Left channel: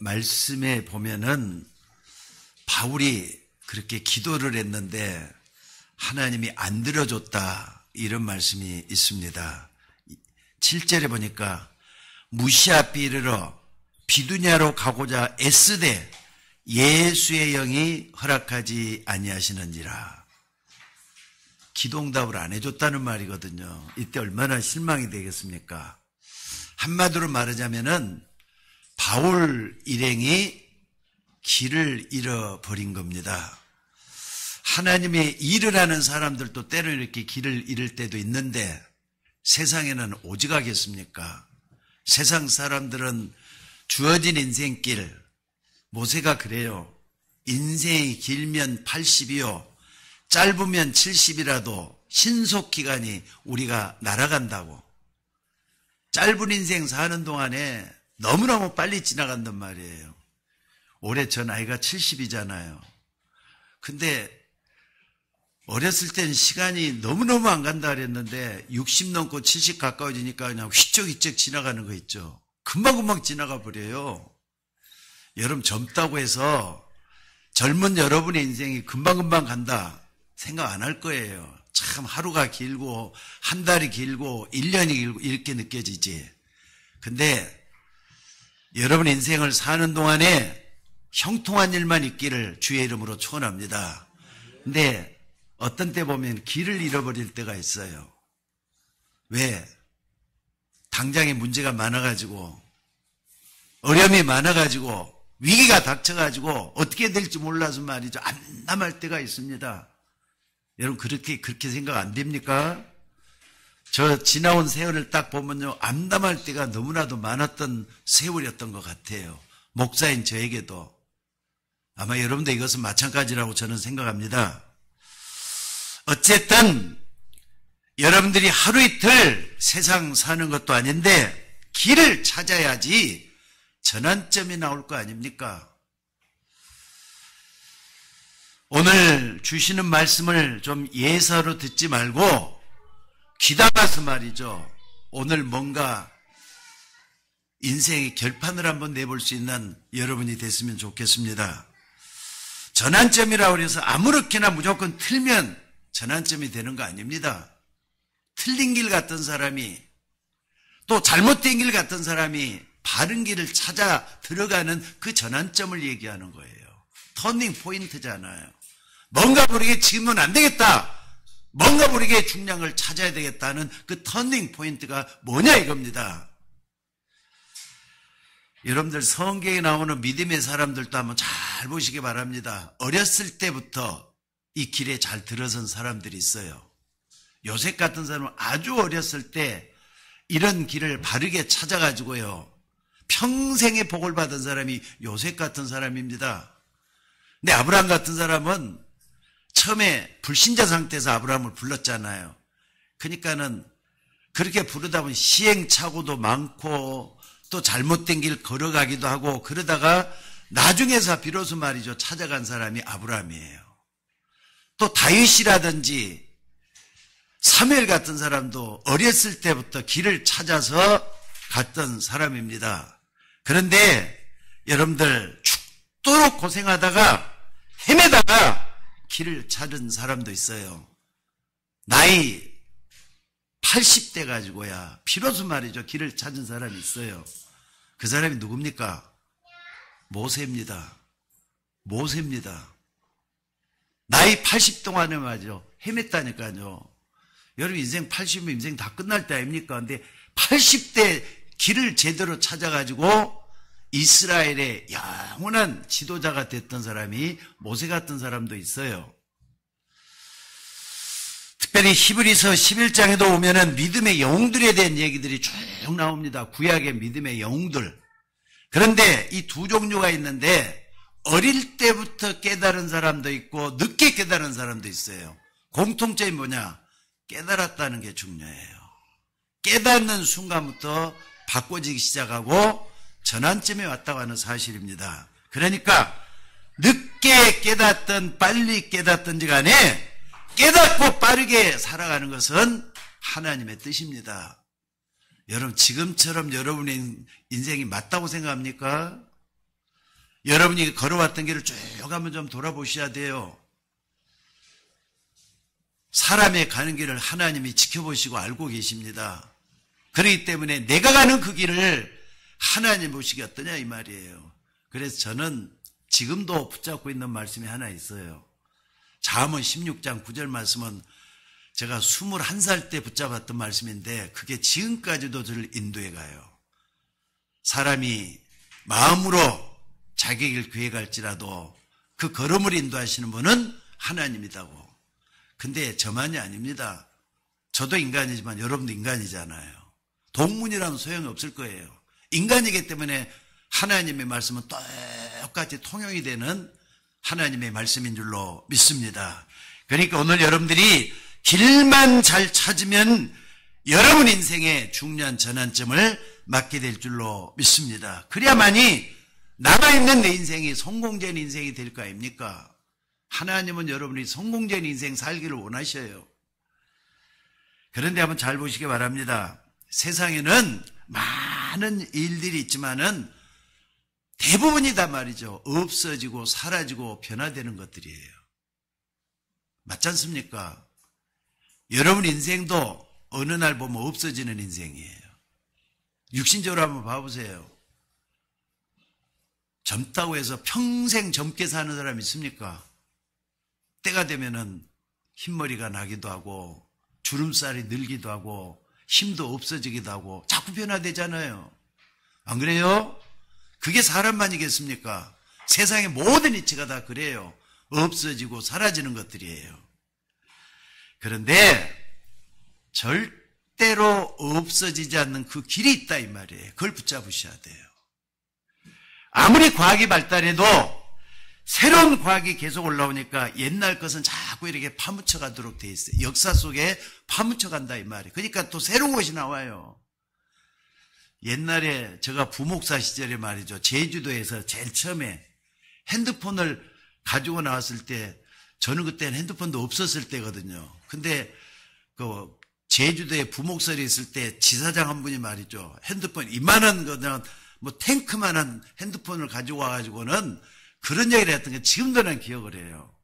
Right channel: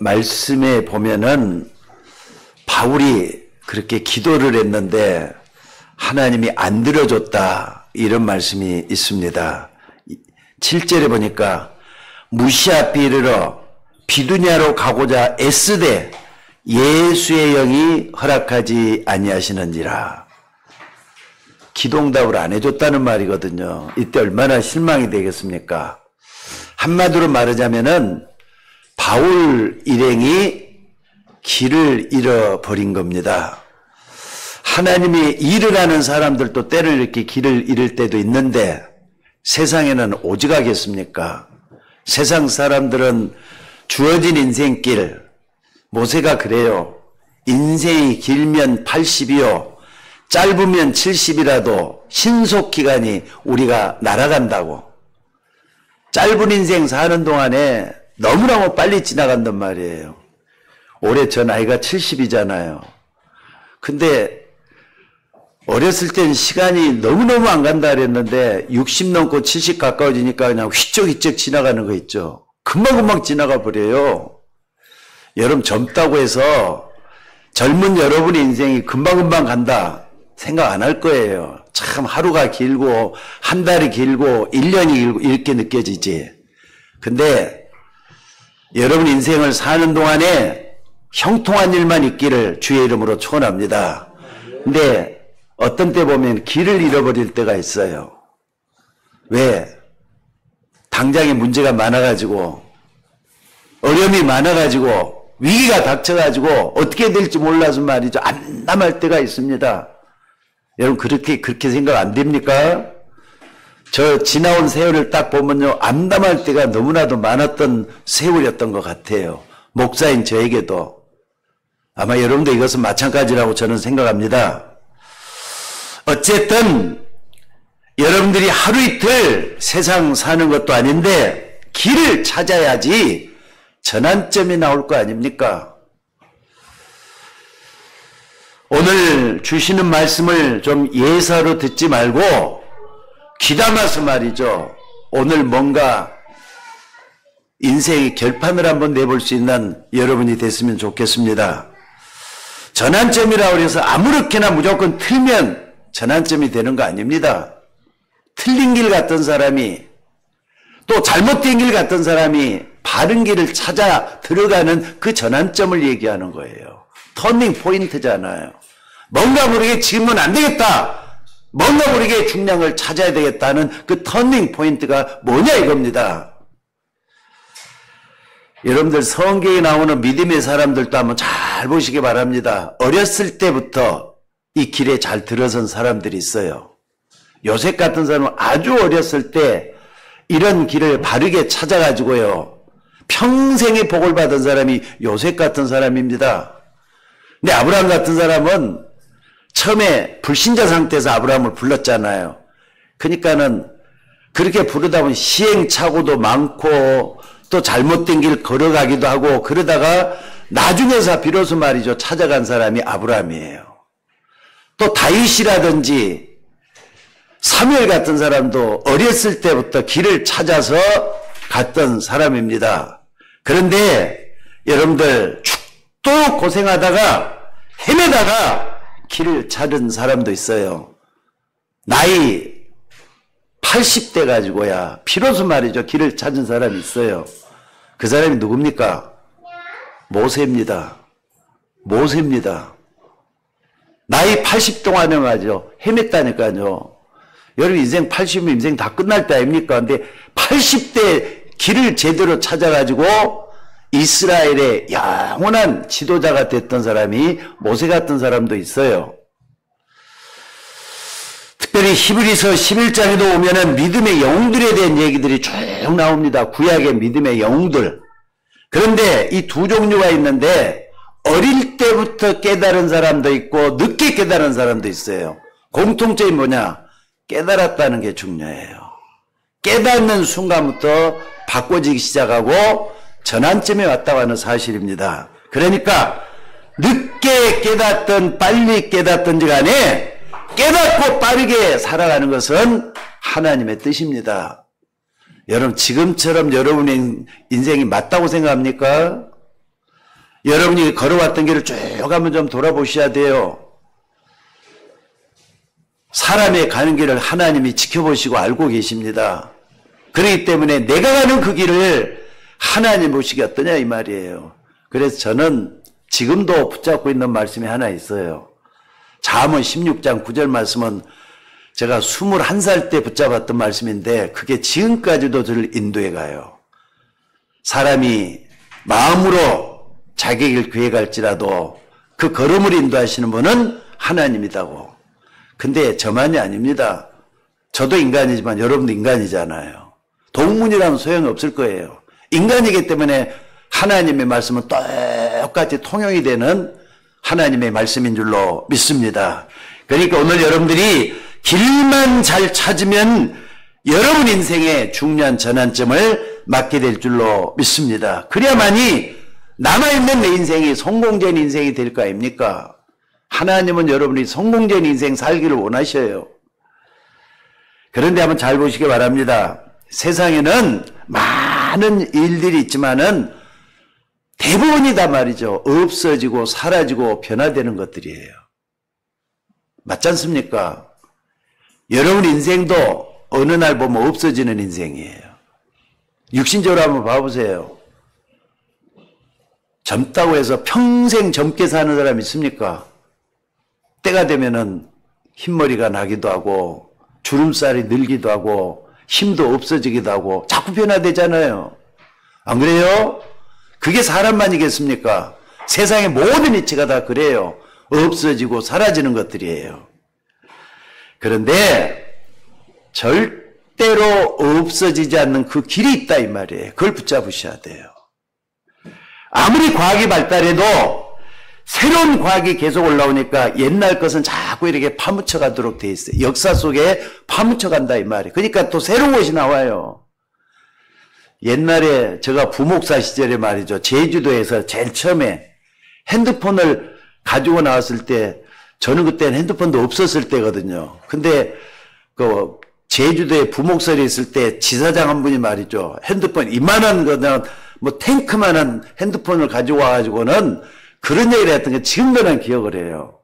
말씀에 보면은 바울이 그렇게 기도를 했는데 하나님이 안 들어줬다 이런 말씀이 있습니다. 7절에 보니까 무시앞에 이르러 비두냐로 가고자 애쓰되 예수의 영이 허락하지 아니하시는지라. 기도응답을 안 해줬다는 말이거든요. 이때 얼마나 실망이 되겠습니까? 한마디로 말하자면은 바울 일행이 길을 잃어버린 겁니다. 하나님이 일을 하는 사람들도 때를 이렇게 길을 잃을 때도 있는데 세상에는 오직하겠습니까? 세상 사람들은 주어진 인생길, 모세가 그래요. 인생이 길면 80이요. 짧으면 70이라도 신속기간이 우리가 날아간다고. 짧은 인생 사는 동안에 너무너무 빨리 지나간단 말이에요. 올해 저 나이가 70이잖아요. 근데 어렸을 땐 시간이 너무너무 안 간다 그랬는데 60 넘고 70 가까워지니까 그냥 휘쩍휘쩍 지나가는 거 있죠. 금방금방 지나가 버려요. 여러분 젊다고 해서 젊은 여러분의 인생이 금방금방 간다 생각 안 할 거예요. 참 하루가 길고 한 달이 길고 1년이 길고 이렇게 느껴지지. 근데 여러분 인생을 사는 동안에 형통한 일만 있기를 주의 이름으로 축원합니다. 근데 어떤 때 보면 길을 잃어버릴 때가 있어요. 왜? 당장에 문제가 많아가지고 어려움이 많아가지고 위기가 닥쳐가지고 어떻게 될지 몰라서 말이죠. 암담할 때가 있습니다. 여러분 그렇게 생각 안 됩니까? 저 지나온 세월을 딱 보면요. 암담할 때가 너무나도 많았던 세월이었던 것 같아요. 목사인 저에게도. 아마 여러분도 이것은 마찬가지라고 저는 생각합니다. 어쨌든 여러분들이 하루 이틀 세상 사는 것도 아닌데 길을 찾아야지 전환점이 나올 거 아닙니까? 오늘 주시는 말씀을 좀 예사로 듣지 말고 귀담아서 말이죠. 오늘 뭔가 인생의 결판을 한번 내볼 수 있는 여러분이 됐으면 좋겠습니다. 전환점이라고 해서 아무렇게나 무조건 틀면 전환점이 되는 거 아닙니다. 틀린 길 갔던 사람이 또 잘못된 길 갔던 사람이 바른 길을 찾아 들어가는 그 전환점을 얘기하는 거예요. 터닝 포인트잖아요. 뭔가 모르게 지금은 안 되겠다. 뭔가 모르게 중량을 찾아야 되겠다는 그 터닝 포인트가 뭐냐 이겁니다. 여러분들 성경에 나오는 믿음의 사람들도 한번 잘 보시기 바랍니다. 어렸을 때부터 이 길에 잘 들어선 사람들이 있어요. 요셉 같은 사람은 아주 어렸을 때 이런 길을 바르게 찾아가지고요. 평생의 복을 받은 사람이 요셉 같은 사람입니다. 근데 아브라함 같은 사람은 처음에 불신자 상태에서 아브라함을 불렀잖아요. 그러니까는 그렇게 부르다 보니 시행착오도 많고 또 잘못된 길 걸어가기도 하고 그러다가 나중에서 비로소 말이죠. 찾아간 사람이 아브라함이에요. 또 다윗이라든지 사무엘 같은 사람도 어렸을 때부터 길을 찾아서 갔던 사람입니다. 그런데 여러분들 죽도록 고생하다가 헤매다가 길을 찾은 사람도 있어요. 나이 80대 가지고야 비로소 말이죠. 길을 찾은 사람이 있어요. 그 사람이 누굽니까? 모세입니다. 모세입니다. 나이 80 동안에 말이죠. 헤맸다니까요. 여러분 인생 80이면 인생 다 끝날 때 아닙니까? 근데 80대 길을 제대로 찾아가지고 이스라엘의 영원한 지도자가 됐던 사람이 모세 같은 사람도 있어요. 특별히 히브리서 11장에도 보면은 믿음의 영웅들에 대한 얘기들이 쭉 나옵니다. 구약의 믿음의 영웅들. 그런데 이 두 종류가 있는데 어릴 때부터 깨달은 사람도 있고 늦게 깨달은 사람도 있어요. 공통점이 뭐냐? 깨달았다는 게 중요해요. 깨닫는 순간부터 바꿔지기 시작하고 전환점에 왔다고 하는 사실입니다. 그러니까 늦게 깨닫든 빨리 깨닫든지 간에 깨닫고 빠르게 살아가는 것은 하나님의 뜻입니다. 여러분 지금처럼 여러분의 인생이 맞다고 생각합니까? 여러분이 걸어왔던 길을 쭉 한번 좀 돌아보셔야 돼요. 사람의 가는 길을 하나님이 지켜보시고 알고 계십니다. 그렇기 때문에 내가 가는 그 길을 하나님 보시기 어떠냐 이 말이에요. 그래서 저는 지금도 붙잡고 있는 말씀이 하나 있어요. 잠언 16장 9절 말씀은 제가 21살 때 붙잡았던 말씀인데 그게 지금까지도 저를 인도해 가요. 사람이 마음으로 자기 길 계획할지라도 그 걸음을 인도하시는 분은 하나님이다고. 근데 저만이 아닙니다. 저도 인간이지만 여러분도 인간이잖아요. 동문이라면 소용없을 거예요. 인간이기 때문에 하나님의 말씀은 똑같이 통용이 되는 하나님의 말씀인 줄로 믿습니다. 그러니까 오늘 여러분들이 길만 잘 찾으면 여러분 인생의 중요한 전환점을 맞게 될 줄로 믿습니다. 그래야만이 남아있는 내 인생이 성공적인 인생이 될 거 아닙니까? 하나님은 여러분이 성공적인 인생 살기를 원하셔요. 그런데 한번 잘 보시기 바랍니다. 세상에는 많은 일들이 있지만은 대부분이다 말이죠. 없어지고 사라지고 변화되는 것들이에요. 맞지 않습니까? 여러분 인생도 어느 날 보면 없어지는 인생이에요. 육신적으로 한번 봐보세요. 젊다고 해서 평생 젊게 사는 사람 있습니까? 때가 되면은 흰머리가 나기도 하고 주름살이 늘기도 하고 힘도 없어지기도 하고 자꾸 변화되잖아요. 안 그래요? 그게 사람만이겠습니까? 세상의 모든 이치가 다 그래요. 없어지고 사라지는 것들이에요. 그런데 절대로 없어지지 않는 그 길이 있다 이 말이에요. 그걸 붙잡으셔야 돼요. 아무리 과학이 발달해도 새로운 과학이 계속 올라오니까 옛날 것은 자꾸 이렇게 파묻혀 가도록 돼 있어요. 역사 속에 파묻혀 간다 이 말이에요. 그러니까 또 새로운 것이 나와요. 옛날에 제가 부목사 시절에 말이죠. 제주도에서 제일 처음에 핸드폰을 가지고 나왔을 때 저는 그때는 핸드폰도 없었을 때거든요. 근데 그 제주도에 부목설이 있을 때 지사장 한 분이 말이죠. 핸드폰 이만한 거는 뭐 탱크만한 핸드폰을 가지고 와가지고는 그런 얘기를 했던 게 지금도 난 기억을 해요.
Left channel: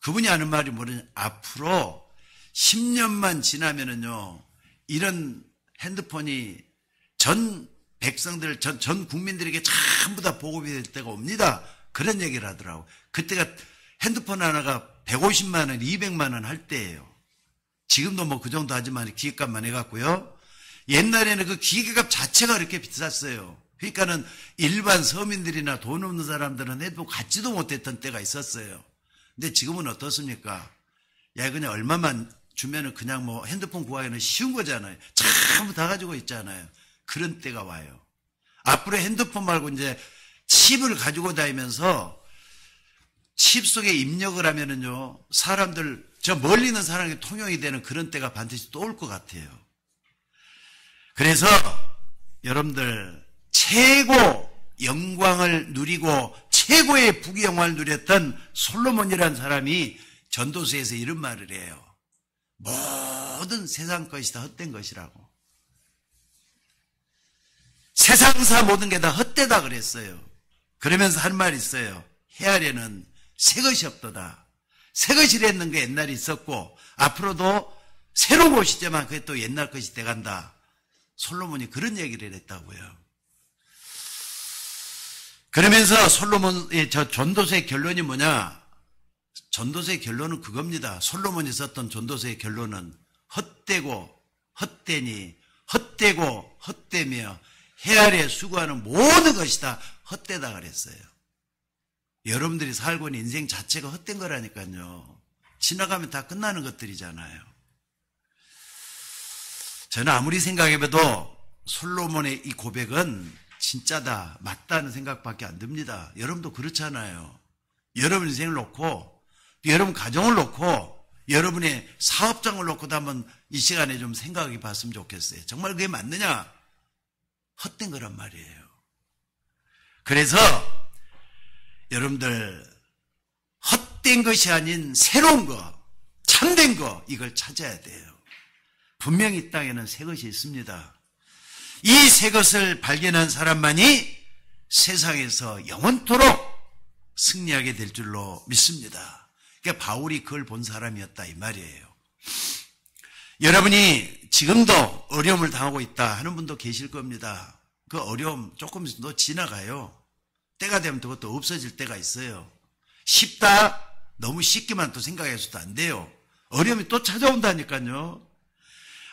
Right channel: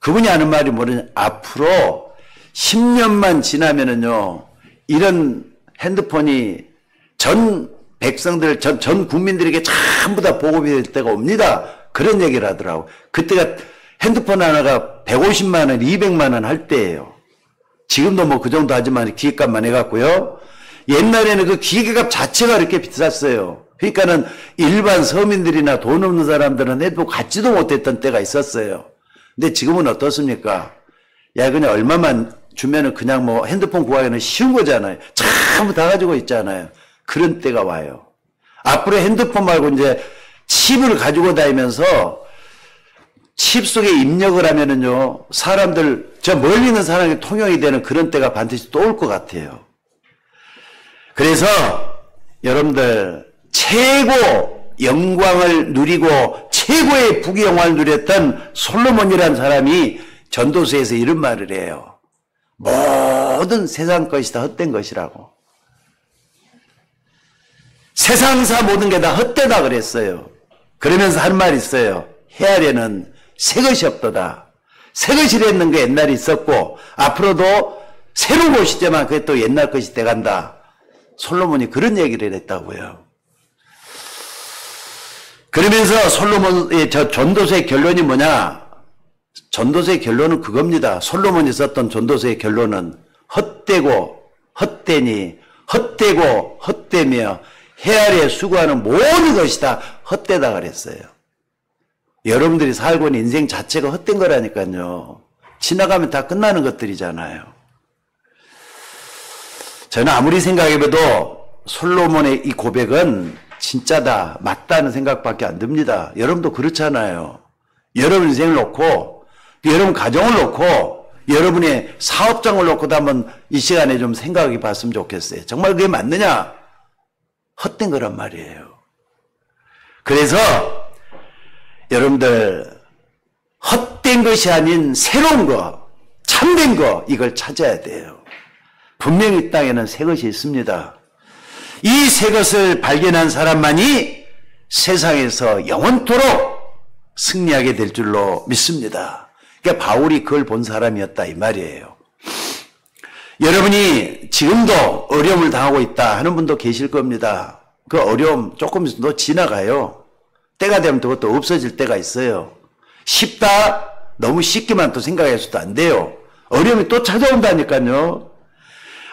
그분이 하는 말이 뭐냐면 앞으로 10년만 지나면은요 이런 핸드폰이 전 백성들, 전 국민들에게 전부 다 보급이 될 때가 옵니다. 그런 얘기를 하더라고. 그때가 핸드폰 하나가 150만 원, 200만 원 할 때예요. 지금도 뭐 그 정도 하지만 기계값만 해갖고요. 옛날에는 그 기계값 자체가 그렇게 비쌌어요. 그러니까는 일반 서민들이나 돈 없는 사람들은 핸드폰 갖지도 못했던 때가 있었어요. 근데 지금은 어떻습니까? 야, 그냥 얼마만 주면은 그냥 뭐 핸드폰 구하기는 쉬운 거잖아요. 전부 다 가지고 있잖아요. 그런 때가 와요. 앞으로 핸드폰 말고 이제 칩을 가지고 다니면서 칩 속에 입력을 하면은요, 사람들, 저 멀리 있는 사람이 통용이 되는 그런 때가 반드시 또 올 것 같아요. 그래서 여러분들, 최고 영광을 누리고 최고의 부귀영화를 누렸던 솔로몬이라는 사람이 전도서에서 이런 말을 해요. 모든 세상 것이 다 헛된 것이라고. 세상사 모든 게 다 헛되다 그랬어요. 그러면서 한 말이 있어요. 헤아려는 새 것이 없도다. 새 것이라는 게 옛날에 있었고 앞으로도 새로운 것이지만 그게 또 옛날 것이 돼간다. 솔로몬이 그런 얘기를 했다고요. 그러면서 솔로몬의 저 전도서의 결론이 뭐냐? 전도서의 결론은 그겁니다. 솔로몬이 썼던 전도서의 결론은 헛되고 헛되니 헛되고 헛되며 헤아려 수고하는 모든 것이 다 헛되다 그랬어요. 여러분들이 살고 있는 인생 자체가 헛된 거라니까요. 지나가면 다 끝나는 것들이잖아요. 저는 아무리 생각해봐도 솔로몬의 이 고백은 진짜다, 맞다는 생각밖에 안 듭니다. 여러분도 그렇잖아요. 여러분 인생을 놓고, 여러분 가정을 놓고, 여러분의 사업장을 놓고도 한번 이 시간에 좀 생각해 봤으면 좋겠어요. 정말 그게 맞느냐? 헛된 거란 말이에요. 그래서 여러분들 헛된 것이 아닌 새로운 거, 참된 거 이걸 찾아야 돼요. 분명히 이 땅에는 새 것이 있습니다. 이 새 것을 발견한 사람만이 세상에서 영원토록 승리하게 될 줄로 믿습니다. 그러니까 바울이 그걸 본 사람이었다 이 말이에요. 여러분이 지금도 어려움을 당하고 있다 하는 분도 계실 겁니다. 그 어려움 조금 더 지나가요. 때가 되면 그것도 없어질 때가 있어요. 쉽다? 너무 쉽게만 또 생각해서도 안 돼요. 어려움이 또 찾아온다니까요.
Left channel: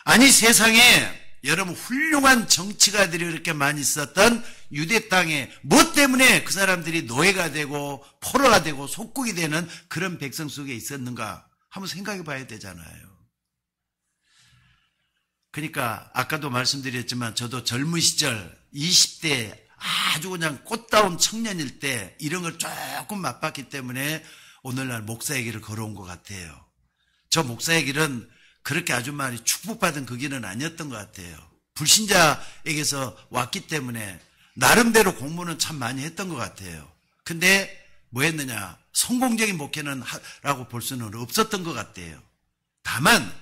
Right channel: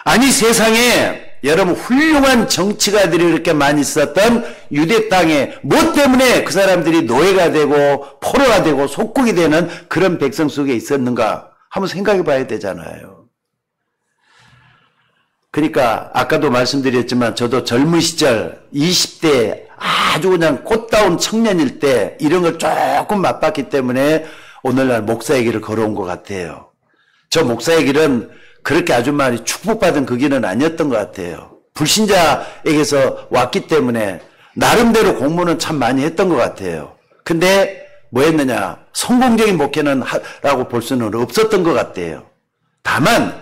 아니 세상에 여러분 훌륭한 정치가들이 그렇게 많이 있었던 유대 땅에 뭐 때문에 그 사람들이 노예가 되고 포로가 되고 속국이 되는 그런 백성 속에 있었는가 한번 생각해 봐야 되잖아요. 그러니까 아까도 말씀드렸지만 저도 젊은 시절 20대 아주 그냥 꽃다운 청년일 때 이런 걸 조금 맛봤기 때문에 오늘날 목사의 길을 걸어온 것 같아요. 저 목사의 길은 그렇게 아주 많이 축복받은 그 길은 아니었던 것 같아요. 불신자에게서 왔기 때문에 나름대로 공부는 참 많이 했던 것 같아요. 근데 뭐 했느냐? 성공적인 목회는 라고 볼 수는 없었던 것 같아요. 다만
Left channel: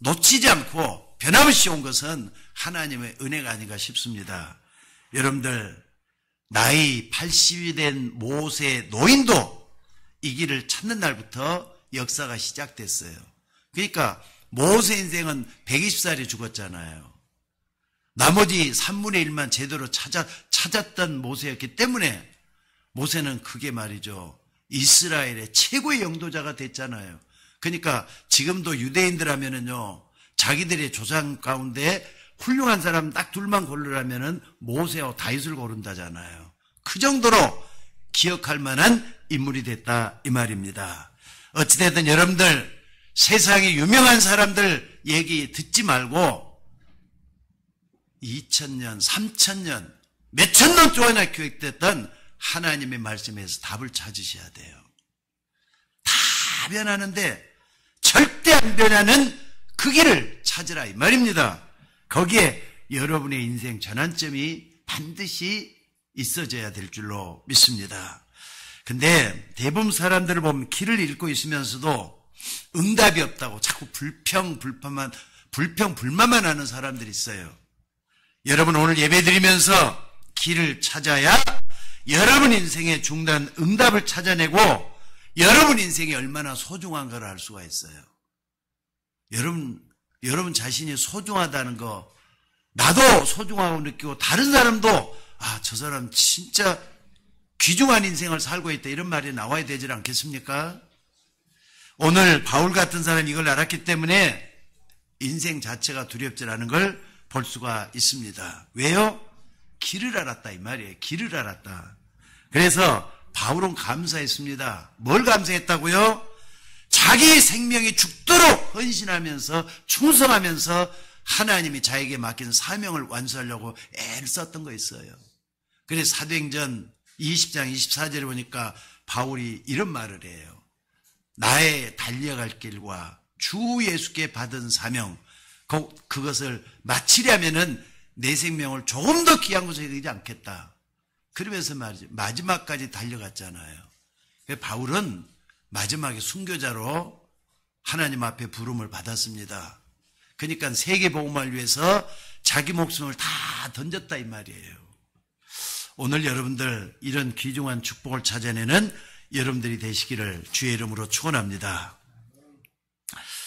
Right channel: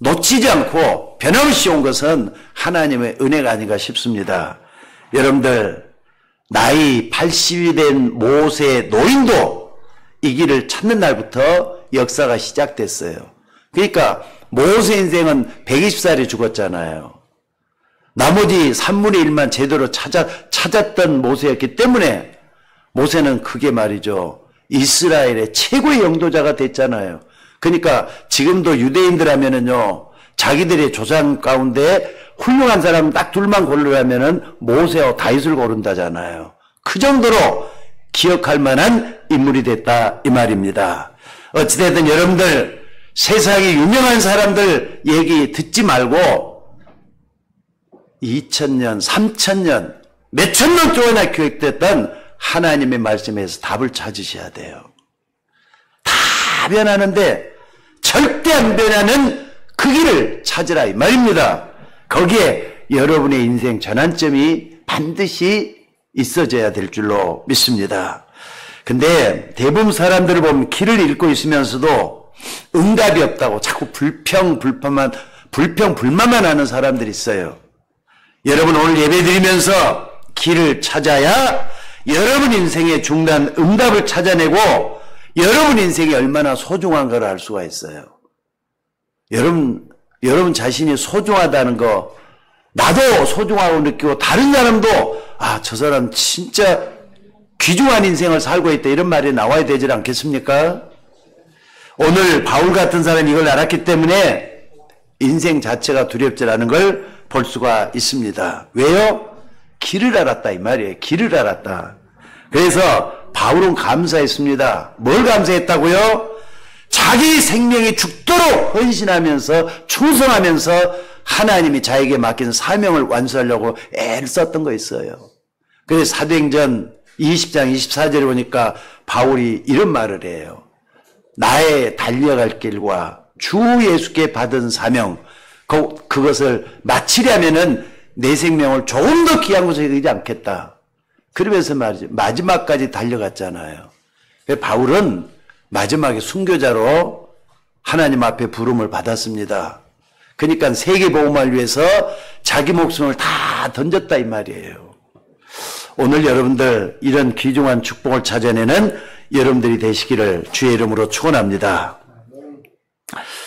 놓치지 않고 변함없이 온 것은 하나님의 은혜가 아닌가 싶습니다. 여러분들 나이 80이 된 모세 노인도 이 길을 찾는 날부터 역사가 시작됐어요. 그러니까 모세 인생은 120살에 죽었잖아요. 나머지 3분의 1만 제대로 찾았던 모세였기 때문에 모세는 그게 말이죠. 이스라엘의 최고의 영도자가 됐잖아요. 그러니까 지금도 유대인들 하면은요, 자기들의 조상 가운데 훌륭한 사람 딱 둘만 고르라면은 모세와 다윗을 고른다잖아요. 그 정도로 기억할 만한 인물이 됐다 이 말입니다. 어찌됐든 여러분들 세상에 유명한 사람들 얘기 듣지 말고 2000년, 3000년, 몇천 년 동안이나 교육됐던 하나님의 말씀에서 답을 찾으셔야 돼요. 다 변하는데 절대 안 변하는 그 길을 찾으라 이 말입니다. 거기에 여러분의 인생 전환점이 반드시 있어져야 될 줄로 믿습니다. 근데 대부분 사람들을 보면 길을 잃고 있으면서도 응답이 없다고 자꾸 불평불만만 하는 사람들이 있어요. 여러분 오늘 예배 드리면서 길을 찾아야 여러분 인생의 중요한 응답을 찾아내고 여러분 인생이 얼마나 소중한 걸 알 수가 있어요. 여러분 자신이 소중하다는 거 나도 소중하고 느끼고 다른 사람도 저 사람 진짜 귀중한 인생을 살고 있다 이런 말이 나와야 되지 않겠습니까? 오늘 바울 같은 사람이 이걸 알았기 때문에 인생 자체가 두렵지 않은 걸 볼 수가 있습니다. 왜요? 길을 알았다 이 말이에요. 길을 알았다. 그래서 바울은 감사했습니다. 뭘 감사했다고요? 자기 생명이 죽도록 헌신하면서 충성하면서 하나님이 자에게 맡긴 사명을 완수하려고 애를 썼던 거 있어요. 그래서 사도행전 20장 24절에 보니까 바울이 이런 말을 해요. 나의 달려갈 길과 주 예수께 받은 사명 그것을 마치려면은 내 생명을 조금 더 귀한 곳에 여기지 않겠다. 그러면서 말이죠. 마지막까지 달려갔잖아요. 바울은 마지막에 순교자로 하나님 앞에 부름을 받았습니다. 그러니까 세계복음을 위해서 자기 목숨을 다 던졌다 이 말이에요. 오늘 여러분들 이런 귀중한 축복을 찾아내는 여러분들이 되시기를 주의 이름으로 축원합니다.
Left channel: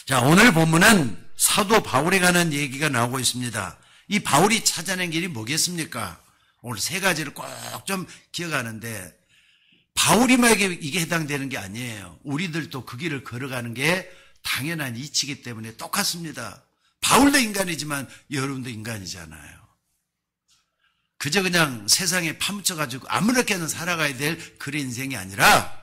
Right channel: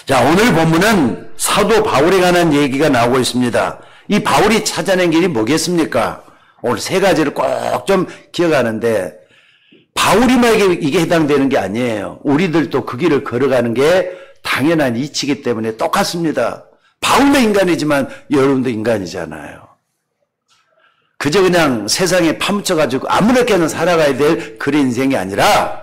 자, 오늘 본문은 사도 바울에 관한 얘기가 나오고 있습니다. 이 바울이 찾아낸 길이 뭐겠습니까? 오늘 세 가지를 꼭 좀 기억하는데 바울이만에게 이게 해당되는 게 아니에요. 우리들도 그 길을 걸어가는 게 당연한 이치이기 때문에 똑같습니다. 바울도 인간이지만 여러분도 인간이잖아요. 그저 그냥 세상에 파묻혀가지고 아무렇게나 살아가야 될 그런 인생이 아니라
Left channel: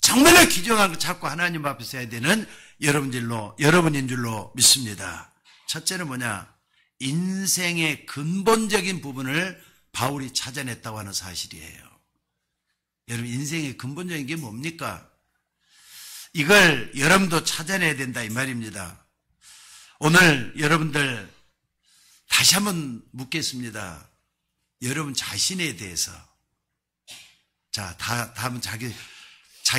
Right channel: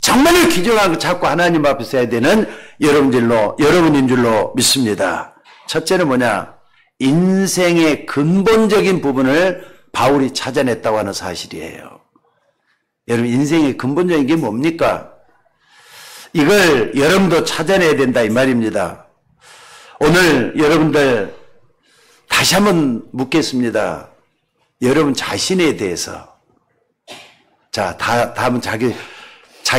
정말로 귀중한 거 찾고 하나님 앞에 서야 되는 여러분인 줄로 믿습니다. 첫째는 뭐냐? 인생의 근본적인 부분을 바울이 찾아냈다고 하는 사실이에요. 여러분 인생의 근본적인 게 뭡니까? 이걸 여러분도 찾아내야 된다 이 말입니다. 오늘 여러분들 다시 한번 묻겠습니다. 여러분 자신에 대해서 자, 다음은 자기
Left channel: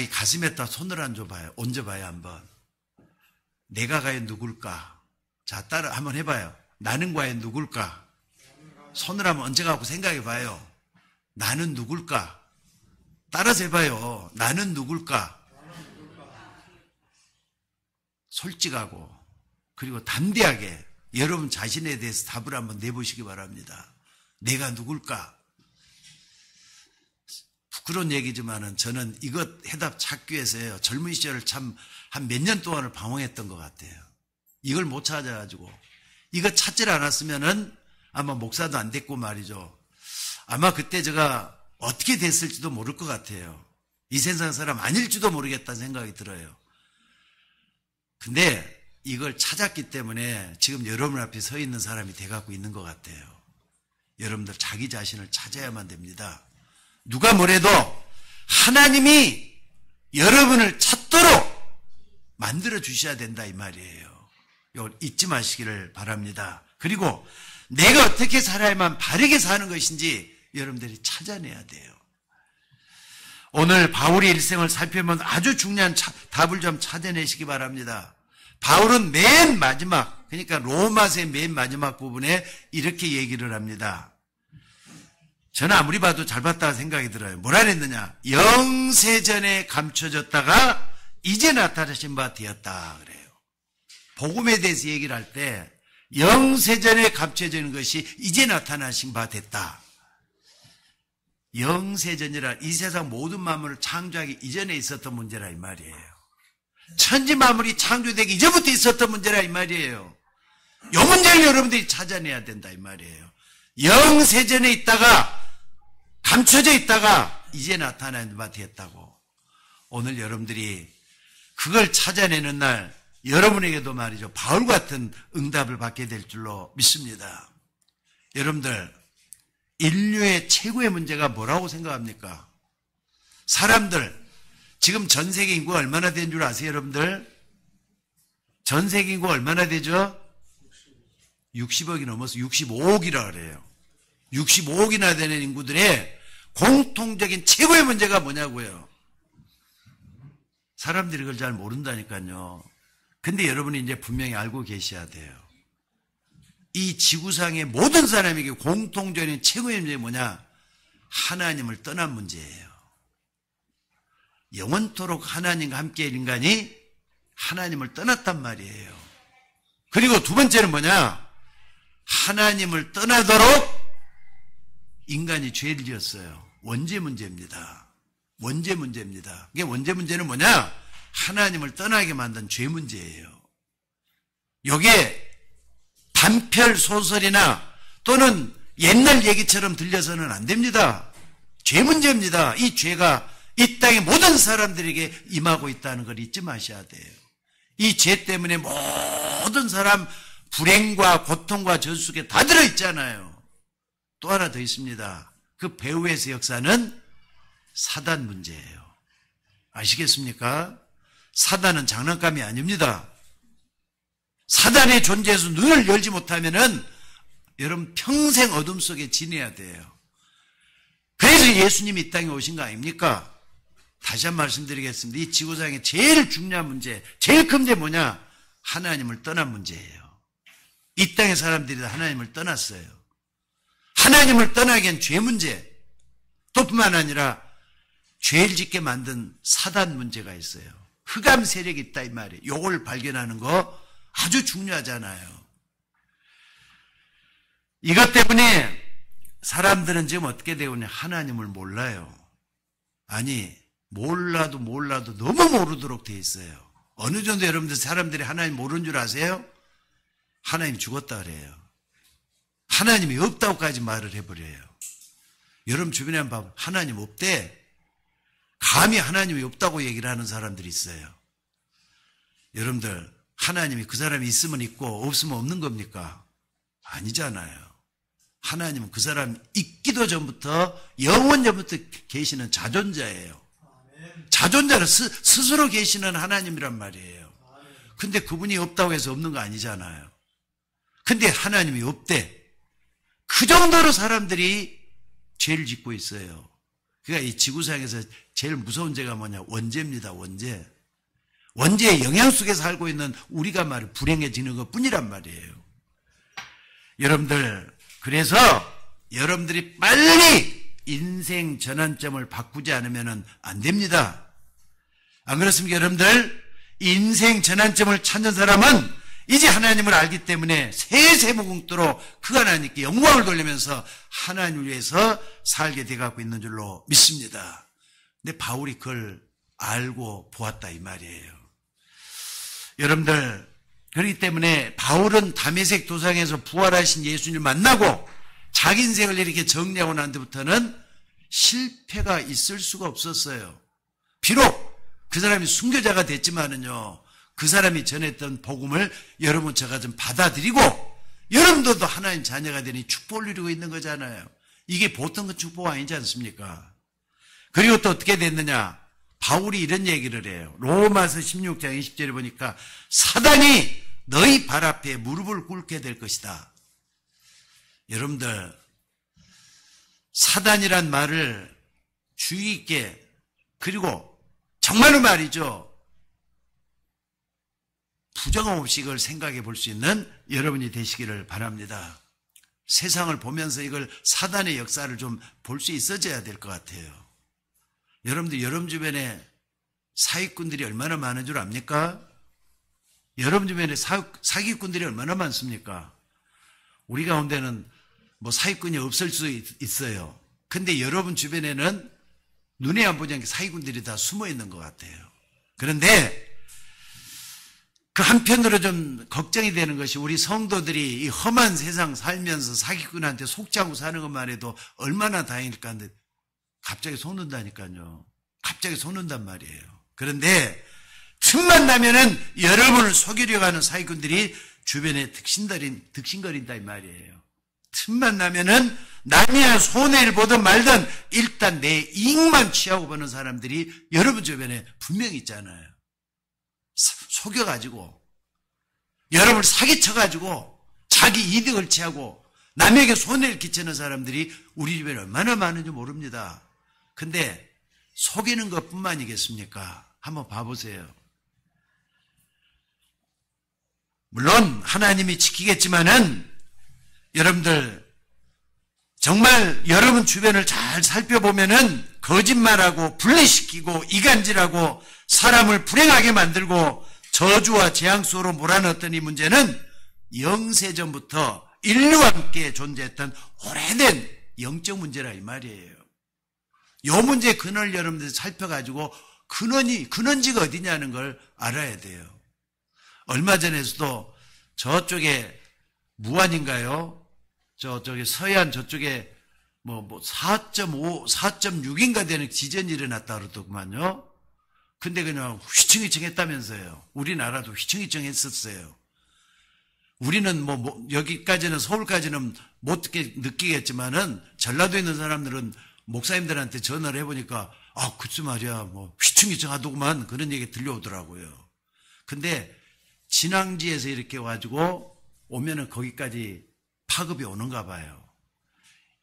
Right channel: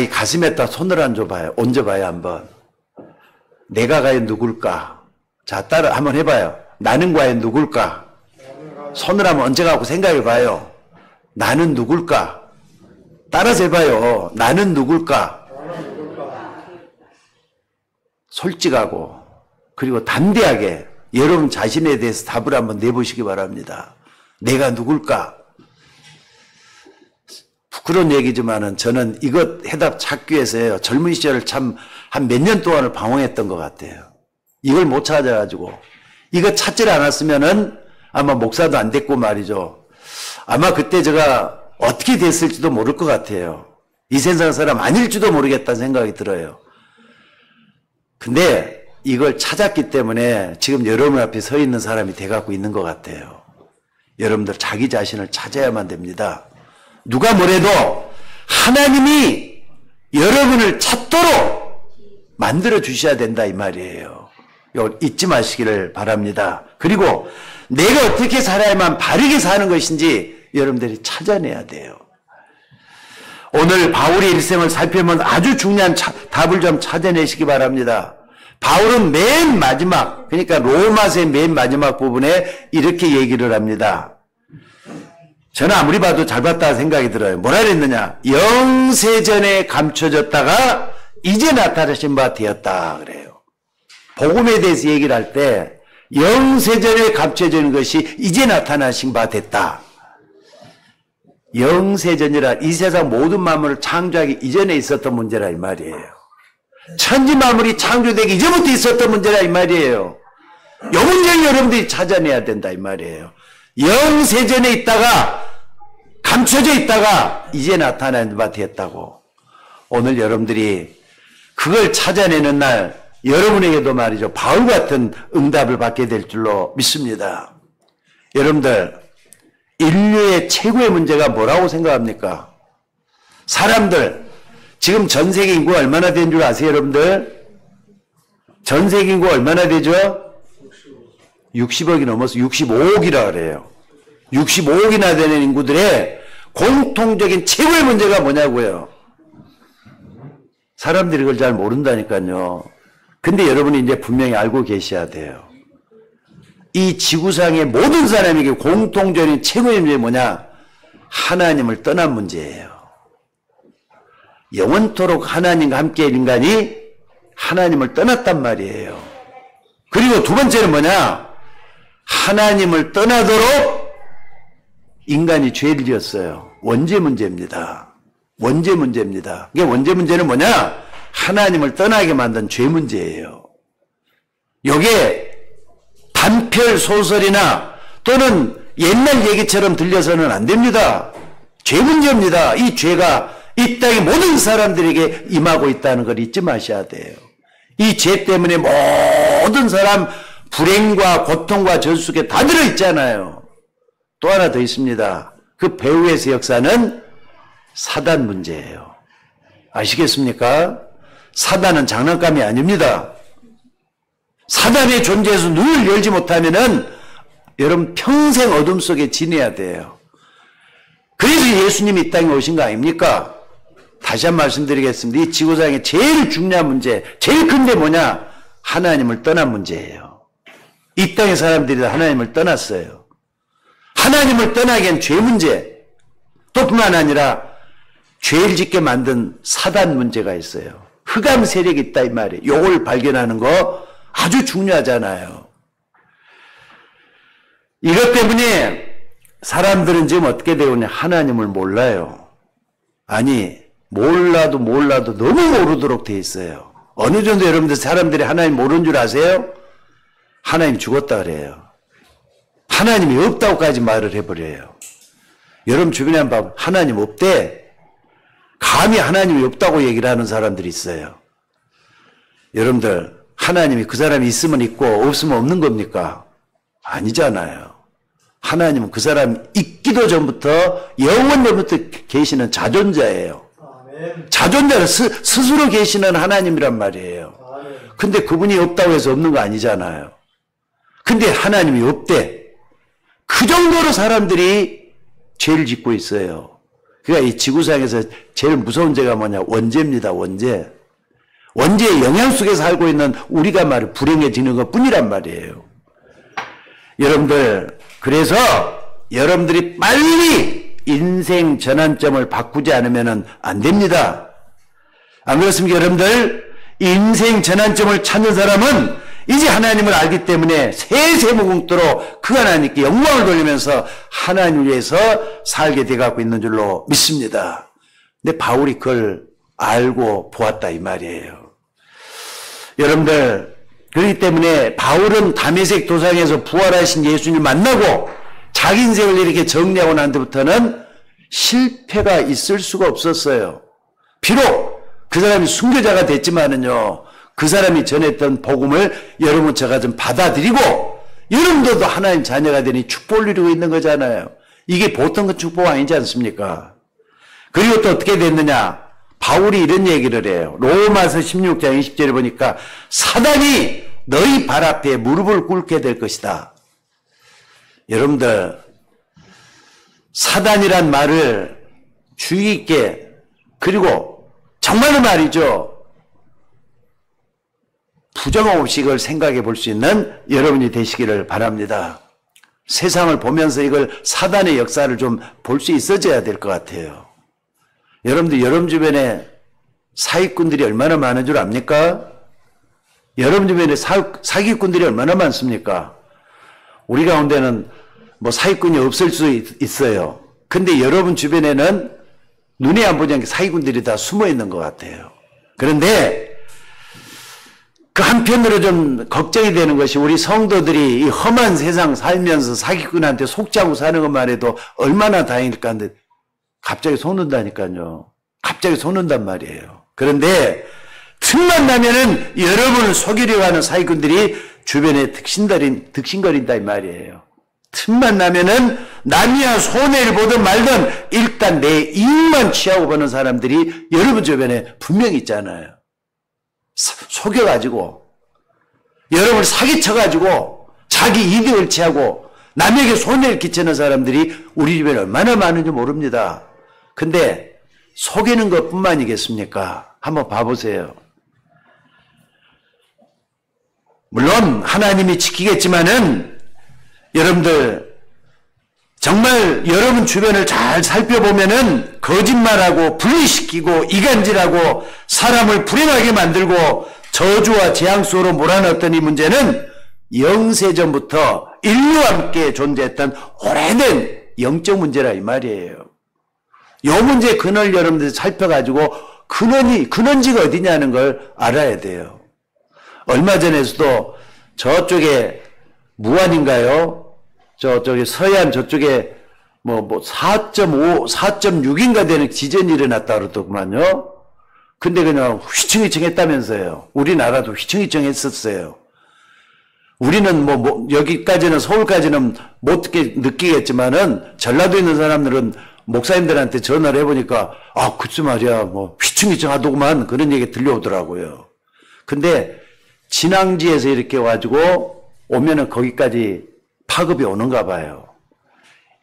가슴에다 손을 얹어봐요 한번. 내가 과연 누굴까? 자, 따라 한번 해봐요. 나는 과연 누굴까? 손을 한번 얹어갖고 생각해봐요. 나는 누굴까? 따라서 해봐요. 나는 누굴까? 솔직하고 그리고 담대하게 여러분 자신에 대해서 답을 한번 내보시기 바랍니다. 내가 누굴까? 부끄러운 얘기지만은 저는 이것 해답 찾기 위해서요. 젊은 시절 참 한 몇 년 동안을 방황했던 것 같아요. 이걸 못 찾아가지고 이거 찾질 않았으면은 아마 목사도 안 됐고 말이죠. 아마 그때 제가 어떻게 됐을지도 모를 것 같아요. 이 세상 사람 아닐지도 모르겠다는 생각이 들어요. 근데 이걸 찾았기 때문에 지금 여러분 앞에 서 있는 사람이 돼갖고 있는 것 같아요. 여러분들 자기 자신을 찾아야만 됩니다. 누가 뭐래도 하나님이 여러분을 찾도록 만들어 주셔야 된다 이 말이에요. 이걸 잊지 마시기를 바랍니다. 그리고 내가 어떻게 살아야만 바르게 사는 것인지 여러분들이 찾아내야 돼요. 오늘 바울의 일생을 살펴보면 아주 중요한 답을 좀 찾아내시기 바랍니다. 바울은 맨 마지막, 그러니까 로마서의 맨 마지막 부분에 이렇게 얘기를 합니다. 저는 아무리 봐도 잘 봤다 생각이 들어요. 뭐라 그랬느냐? 영세전에 감춰졌다가 이제 나타나신 바 되었다 그래요. 복음에 대해서 얘기를 할 때 영세전에 감춰지는 것이 이제 나타나신 바 됐다. 영세전이라 이 세상 모든 만물을 창조하기 이전에 있었던 문제라 이 말이에요. 천지 만물이 창조되기 이전부터 있었던 문제라 이 말이에요. 이 문제를 여러분들이 찾아내야 된다 이 말이에요. 영세전에 있다가 감춰져 있다가 이제 나타난 바 되었다고. 오늘 여러분들이 그걸 찾아내는 날 여러분에게도 말이죠. 바울 같은 응답을 받게 될 줄로 믿습니다. 여러분들 인류의 최고의 문제가 뭐라고 생각합니까? 사람들 지금 전 세계 인구가 얼마나 된 줄 아세요 여러분들? 전 세계 인구가 얼마나 되죠? 60억이 넘어서 65억이라 그래요. 65억이나 되는 인구들의 공통적인 최고의 문제가 뭐냐고요. 사람들이 그걸 잘 모른다니까요. 근데 여러분이 이제 분명히 알고 계셔야 돼요. 이 지구상의 모든 사람에게 공통적인 최고의 문제가 뭐냐? 하나님을 떠난 문제예요. 영원토록 하나님과 함께할 인간이 하나님을 떠났단 말이에요. 그리고 두 번째는 뭐냐? 하나님을 떠나도록 인간이 죄를 지었어요. 원죄 문제입니다. 원죄 문제입니다. 이게 원죄 문제는 뭐냐? 하나님을 떠나게 만든 죄 문제예요. 이게 단편 소설이나 또는 옛날 얘기처럼 들려서는 안 됩니다. 죄 문제입니다. 이 죄가 이 땅의 모든 사람들에게 임하고 있다는 걸 잊지 마셔야 돼요. 이 죄 때문에 모든 사람 불행과 고통과 저속에 다 들어있잖아요. 또 하나 더 있습니다. 그 배후에서 역사는 사단 문제예요. 아시겠습니까? 사단은 장난감이 아닙니다. 사단의 존재에서 눈을 열지 못하면은 여러분 평생 어둠 속에 지내야 돼요. 그래서 예수님이 이 땅에 오신 거 아닙니까? 다시 한 번 말씀드리겠습니다. 이 지구상의 제일 중요한 문제, 제일 큰 게 뭐냐? 하나님을 떠난 문제예요. 이 땅의 사람들이 하나님을 떠났어요. 하나님을 떠나기엔 죄 문제, 또 뿐만 아니라 죄를 짓게 만든 사단 문제가 있어요. 흑암 세력이 있다 이 말이에요. 요걸 발견하는 거 아주 중요하잖아요. 이것 때문에 사람들은 지금 어떻게 되었냐? 하나님을 몰라요. 아니 몰라도 너무 모르도록 돼 있어요. 어느 정도 여러분들 사람들이 하나님 모르는 줄 아세요? 하나님 죽었다 그래요. 하나님이 없다고까지 말을 해버려요. 여러분 주변에 한번 봐보면 하나님 없대. 감히 하나님이 없다고 얘기를 하는 사람들이 있어요. 여러분들 하나님이 그 사람이 있으면 있고 없으면 없는 겁니까? 아니잖아요. 하나님은 그 사람이 있기도 전부터 영원전부터 계시는 자존자예요. 자존자는 스스로 계시는 하나님이란 말이에요. 근데 그분이 없다고 해서 없는 거 아니잖아요. 근데 하나님이 없대. 그 정도로 사람들이 죄를 짓고 있어요. 그러니까 이 지구상에서 제일 무서운 죄가 뭐냐? 원죄입니다. 원죄. 원죄의 영향 속에 살고 있는 우리가 말이 불행해지는 것 뿐이란 말이에요. 여러분들 그래서 여러분들이 빨리 인생 전환점을 바꾸지 않으면 안 됩니다. 안 그렇습니까, 여러분들? 인생 전환점을 찾는 사람은 이제 하나님을 알기 때문에 세세무궁토록 그 하나님께 영광을 돌리면서 하나님을 위해서 살게 돼가고 있는 줄로 믿습니다. 근데 바울이 그걸 알고 보았다 이 말이에요. 여러분들, 그렇기 때문에 바울은 다메섹 도상에서 부활하신 예수님을 만나고 자기 인생을 이렇게 정리하고 난 뒤부터는 실패가 있을 수가 없었어요. 비록 그 사람이 순교자가 됐지만은요, 그 사람이 전했던 복음을 여러분 제가 좀 받아들이고 여러분들도 하나님 자녀가 되니 축복을 누리고 있는 거잖아요. 이게 보통 그 축복 아니지 않습니까? 그리고 또 어떻게 됐느냐? 바울이 이런 얘기를 해요. 로마서 16장 20절에 보니까 사단이 너희 발 앞에 무릎을 꿇게 될 것이다. 여러분들, 사단이란 말을 주의 있게, 그리고 정말로 말이죠, 부정 없이 이걸 생각해 볼 수 있는 여러분이 되시기를 바랍니다. 세상을 보면서 이걸 사단의 역사를 좀 볼 수 있어져야 될 것 같아요. 여러분들, 여러분 주변에 사기꾼들이 얼마나 많은 줄 압니까? 여러분 주변에 사기꾼들이 얼마나 많습니까? 우리 가운데는 뭐 사기꾼이 없을 수 있어요. 근데 여러분 주변에는 눈에 안 보지 않게 사기꾼들이 다 숨어 있는 것 같아요. 그런데 그 한편으로 좀 걱정이 되는 것이 우리 성도들이 이 험한 세상 살면서 사기꾼한테 속지 않고 사는 것만 해도 얼마나 다행일까 하는데 갑자기 속는다니까요. 갑자기 속는단 말이에요. 그런데 틈만 나면은 여러분을 속이려고 하는 사기꾼들이 주변에 득신거린다 이 말이에요. 틈만 나면은 남이야 손해를 보든 말든 일단 내 이익만 취하고 보는 사람들이 여러분 주변에 분명히 있잖아요. 속여가지고 여러분을 사기쳐가지고 자기 이득을 취하고 남에게 손해를 끼치는 사람들이 우리 주변에 얼마나 많은지 모릅니다. 근데 속이는 것뿐만이겠습니까? 한번 봐보세요. 물론 하나님이 지키겠지만은 여러분들 정말 여러분 주변을 잘 살펴보면은 거짓말하고 분리시키고 이간질하고 사람을 불행하게 만들고 저주와 재앙 속으로 몰아넣었던 이 문제는 영세전부터 인류와 함께 존재했던 오래된 영적 문제라 이 말이에요. 이 문제의 근원을 여러분들이 살펴가지고 근원지가 어디냐는 걸 알아야 돼요. 얼마 전에서도 저쪽에 무안인가요? 저쪽에 서해안 저쪽에 뭐 4.5, 4.6인가 되는 지진이 일어났다 그러더구만요. 근데 그냥 휘청휘청 했다면서요. 우리나라도 휘청휘청 했었어요. 우리는 여기까지는 서울까지는 못 느끼겠지만은 전라도에 있는 사람들은 목사님들한테 전화를 해보니까 글쎄 말이야 휘청휘청 하더구만 그런 얘기 들려오더라고요. 근데 진앙지에서 이렇게 와가지고 오면은 거기까지 파급이 오는가 봐요.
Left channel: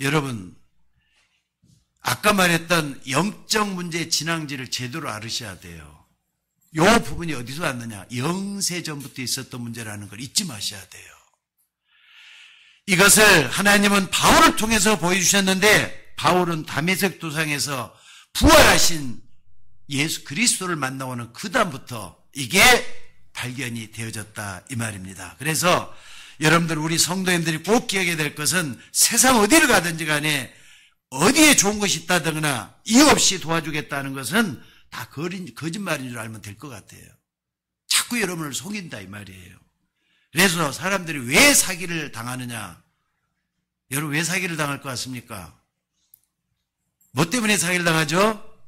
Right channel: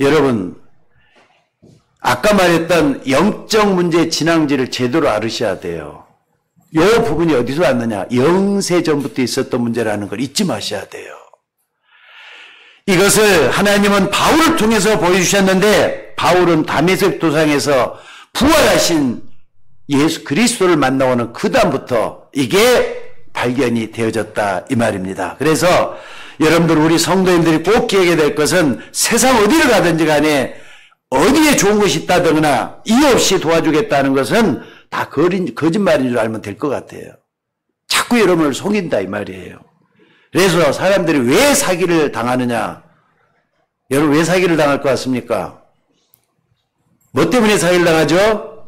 여러분, 아까 말했던 영적 문제의 진앙지를 제대로 알으셔야 돼요. 이 부분이 어디서 왔느냐? 영세전부터 있었던 문제라는 걸 잊지 마셔야 돼요. 이것을 하나님은 바울을 통해서 보여주셨는데 바울은 다메섹 도상에서 부활하신 예수 그리스도를 만나오는 그 다음부터 이게 발견이 되어졌다 이 말입니다. 그래서 여러분들 우리 성도님들이 꼭 기억해야 될 것은 세상 어디를 가든지 간에 어디에 좋은 것이 있다거나 이유 없이 도와주겠다는 것은 다 거짓말인 줄 알면 될 것 같아요. 자꾸 여러분을 속인다 이 말이에요. 그래서 사람들이 왜 사기를 당하느냐? 여러분 왜 사기를 당할 것 같습니까? 뭐 때문에 사기를 당하죠?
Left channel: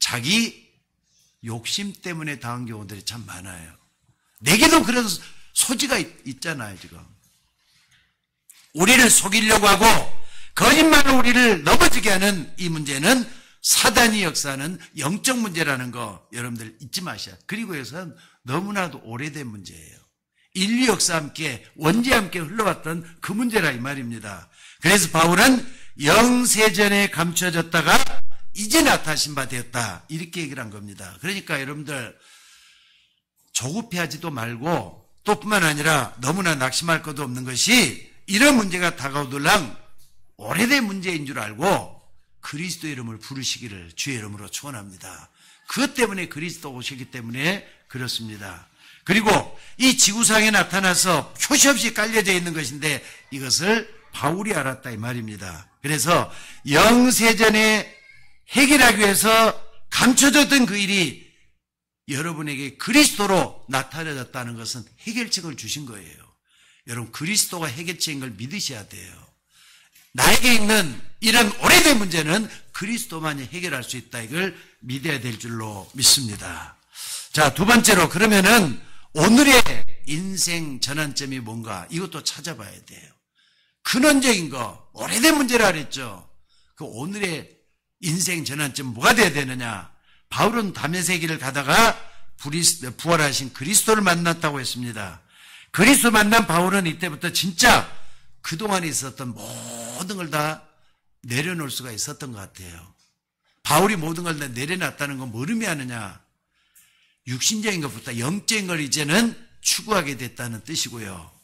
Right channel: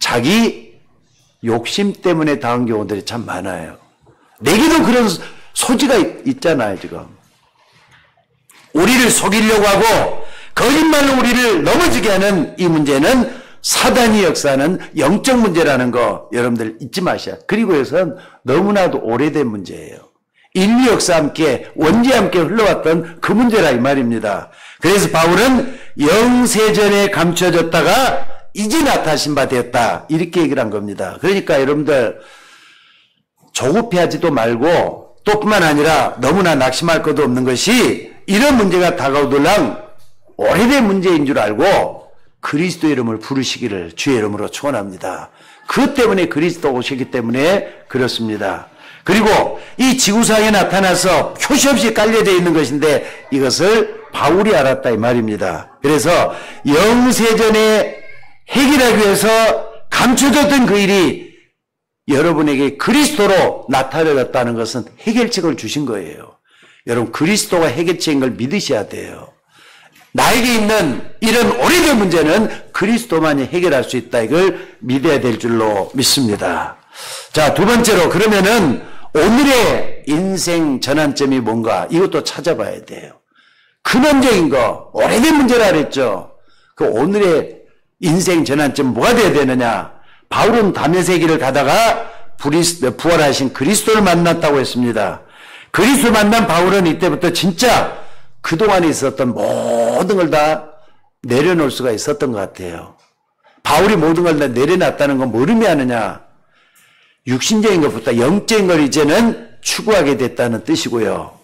자기 욕심 때문에 당한 경우들이 참 많아요. 내게도 그런 소지가 있잖아요, 지금. 우리를 속이려고 하고 거짓말로 우리를 넘어지게 하는 이 문제는 사단이 역사하는 영적 문제라는 거 여러분들 잊지 마셔야. 그리고 이것은 너무나도 오래된 문제예요. 인류 역사와 함께 원죄와 함께 흘러왔던 그 문제라 이 말입니다. 그래서 바울은 영세전에 감춰졌다가 이제 나타나신 바 되었다 이렇게 얘기를 한 겁니다. 그러니까 여러분들 조급해하지도 말고 또 뿐만 아니라 너무나 낙심할 것도 없는 것이 이런 문제가 다가오들랑 오래된 문제인 줄 알고 그리스도 이름을 부르시기를 주의 이름으로 축원합니다. 그 때문에 그리스도 오셨기 때문에 그렇습니다. 그리고 이 지구상에 나타나서 표시 없이 깔려져 있는 것인데 이것을 바울이 알았다 이 말입니다. 그래서 영세전에 해결하기 위해서 감춰졌던 그 일이 여러분에게 그리스도로 나타내졌다는 것은 해결책을 주신 거예요. 여러분 그리스도가 해결책인 걸 믿으셔야 돼요. 나에게 있는 이런 오래된 문제는 그리스도만이 해결할 수 있다. 이걸 믿어야 될 줄로 믿습니다. 자, 두 번째로 그러면은 오늘의 인생 전환점이 뭔가 이것도 찾아봐야 돼요. 근원적인 거, 오래된 문제라 그랬죠. 그 오늘의 인생 전환점 뭐가 돼야 되느냐. 바울은 다메섹 길을 가다가 부활하신 그리스도를 만났다고 했습니다. 그리스도 만난 바울은 이때부터 진짜 그동안에 있었던 모든 걸 다 내려놓을 수가 있었던 것 같아요. 바울이 모든 걸 다 내려놨다는 건 뭘 의미하느냐. 육신적인 것보다 영적인 걸 이제는 추구하게 됐다는 뜻이고요.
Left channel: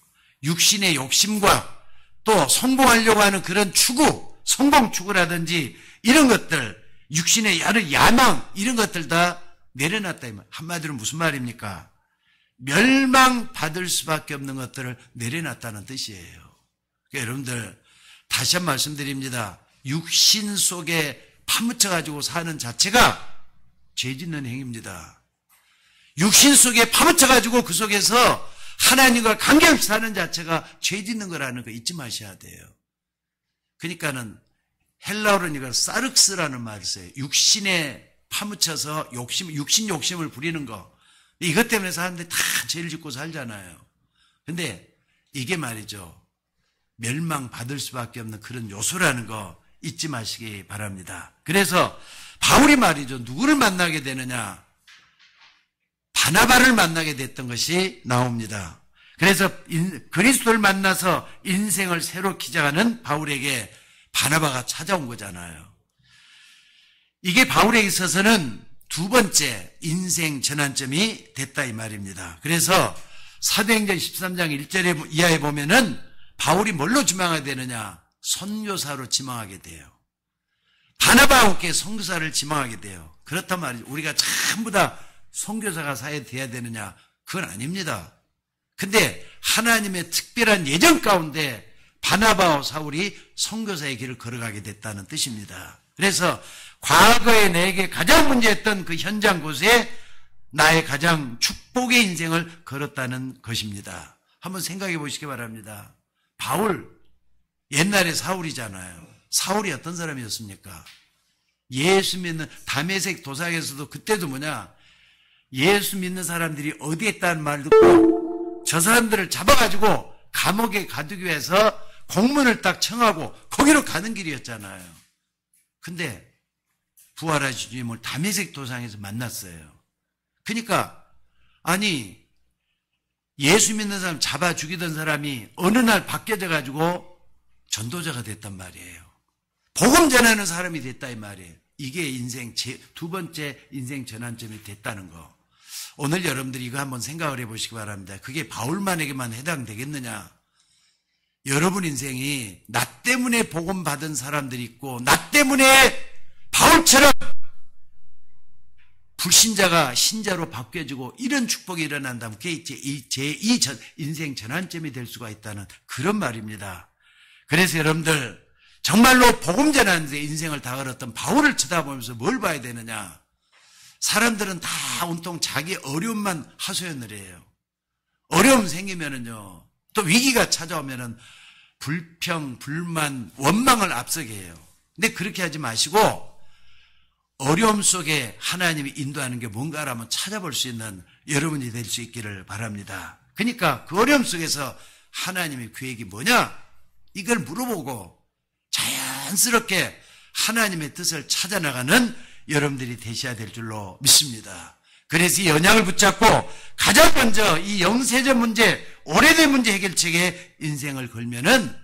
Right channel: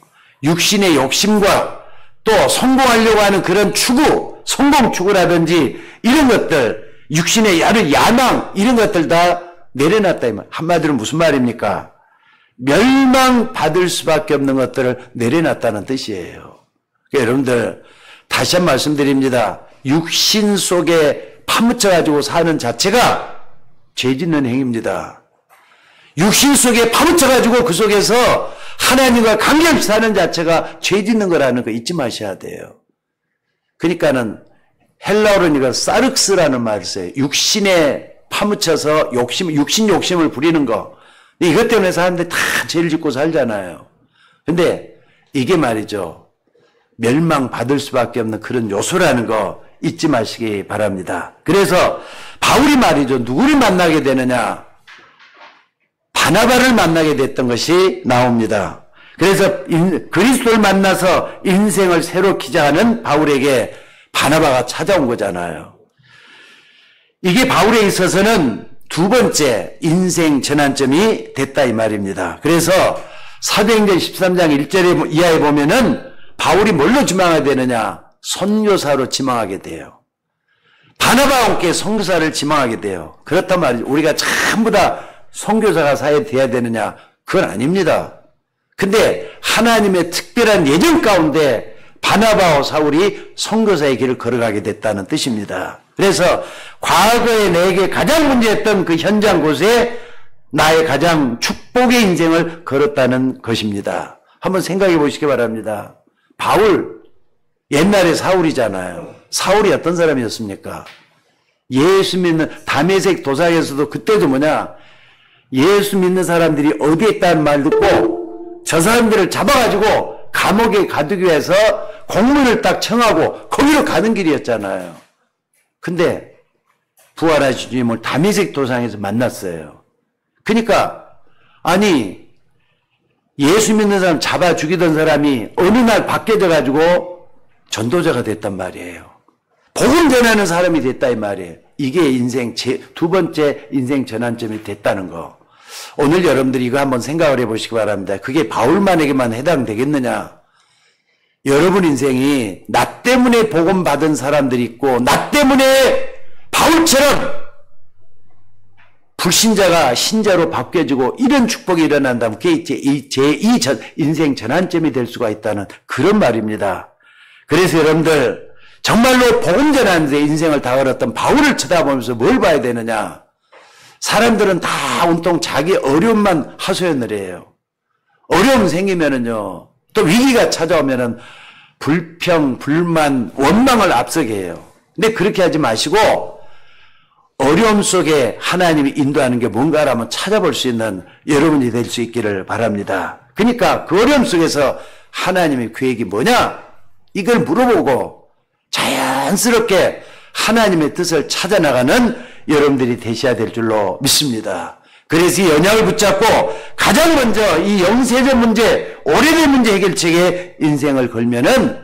육신의 욕심과 또 성공하려고 하는 그런 추구, 성공 추구라든지 이런 것들, 육신의 야망 이런 것들 다 내려놨다. 한마디로 무슨 말입니까? 멸망받을 수밖에 없는 것들을 내려놨다는 뜻이에요. 그러니까 여러분들 다시 한 번 말씀드립니다. 육신 속에 파묻혀가지고 사는 자체가 죄 짓는 행위입니다. 육신 속에 파묻혀가지고 그 속에서 하나님과 관계없이 사는 자체가 죄 짓는 거라는 거 잊지 마셔야 돼요. 그러니까는 헬라어로는 이거 사륵스라는 말을 써요. 육신에 파묻혀서 육신 욕심을 부리는 거. 이것 때문에 사람들이 다 죄를 짓고 살잖아요. 근데 이게 말이죠. 멸망받을 수밖에 없는 그런 요소라는 거 잊지 마시기 바랍니다. 그래서 바울이 말이죠. 누구를 만나게 되느냐. 바나바를 만나게 됐던 것이 나옵니다. 그래서 그리스도를 만나서 인생을 새로 기자하는 바울에게 바나바가 찾아온 거잖아요. 이게 바울에 있어서는 두 번째 인생 전환점이 됐다 이 말입니다. 그래서 사도행전 13장 1절 이하에 보면은 바울이 뭘로 지망하게 되느냐? 선교사로 지망하게 돼요. 바나바와 함께 선교사를 지망하게 돼요. 그렇단 말이죠. 우리가 전부 다 선교사가 돼야 되느냐? 그건 아닙니다. 근데 하나님의 특별한 예정 가운데 바나바와 사울이 선교사의 길을 걸어가게 됐다는 뜻입니다. 그래서 과거에 내게 가장 문제였던 그 현장 곳에 나의 가장 축복의 인생을 걸었다는 것입니다. 한번 생각해 보시기 바랍니다. 바울, 옛날에 사울이잖아요. 사울이 어떤 사람이었습니까? 예수 믿는 다메섹 도상에서도 그때도 뭐냐? 예수 믿는 사람들이 어디에 있다는 말 듣고 저 사람들을 잡아가지고 감옥에 가두기 위해서 공문을 딱 청하고 거기로 가는 길이었잖아요. 근데 부활하신 주님을 다메섹 도상에서 만났어요. 그러니까 아니 예수 믿는 사람 잡아 죽이던 사람이 어느 날 바뀌어져 가지고 전도자가 됐단 말이에요. 복음 전하는 사람이 됐다 이 말이에요. 이게 인생 두 번째 인생 전환점이 됐다는 거. 오늘 여러분들이 이거 한번 생각을 해보시기 바랍니다. 그게 바울만에게만 해당되겠느냐? 여러분 인생이 나 때문에 복음 받은 사람들이 있고 나 때문에 바울처럼 불신자가 신자로 바뀌어지고 이런 축복이 일어난다면 그게 제2 인생 전환점이 될 수가 있다는 그런 말입니다. 그래서 여러분들 정말로 복음 전하는 데 인생을 다 걸었던 바울을 쳐다보면서 뭘 봐야 되느냐? 사람들은 다 온통 자기 어려움만 하소연을 해요. 어려움 생기면은요, 또 위기가 찾아오면은 불평, 불만, 원망을 앞서게 해요. 근데 그렇게 하지 마시고 어려움 속에 하나님이 인도하는 게 뭔가라면 찾아볼 수 있는 여러분이 될 수 있기를 바랍니다. 그러니까 그 어려움 속에서 하나님의 계획이 뭐냐? 이걸 물어보고 자연스럽게 하나님의 뜻을 찾아나가는 여러분들이 되셔야 될 줄로 믿습니다. 그래서 이 언약을 붙잡고 가장 먼저 이 영세적 문제, 오래된 문제 해결책에 인생을 걸면은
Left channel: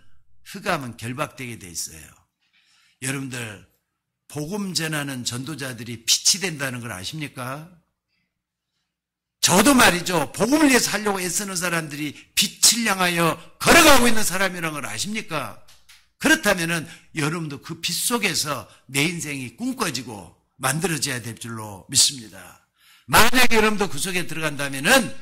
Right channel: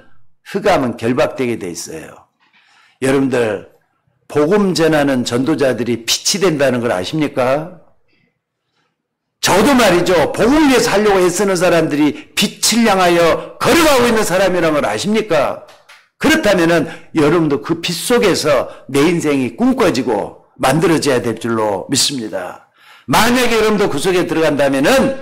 흑암은 결박되게 돼 있어요. 여러분들 복음 전하는 전도자들이 빛이 된다는 걸 아십니까? 저도 말이죠. 복음을 위해 살려고 애쓰는 사람들이 빛을 향하여 걸어가고 있는 사람이라는 걸 아십니까? 그렇다면은 여러분도 그 빛 속에서 내 인생이 꿈꿔지고 만들어져야 될 줄로 믿습니다. 만약에 여러분도 그 속에 들어간다면은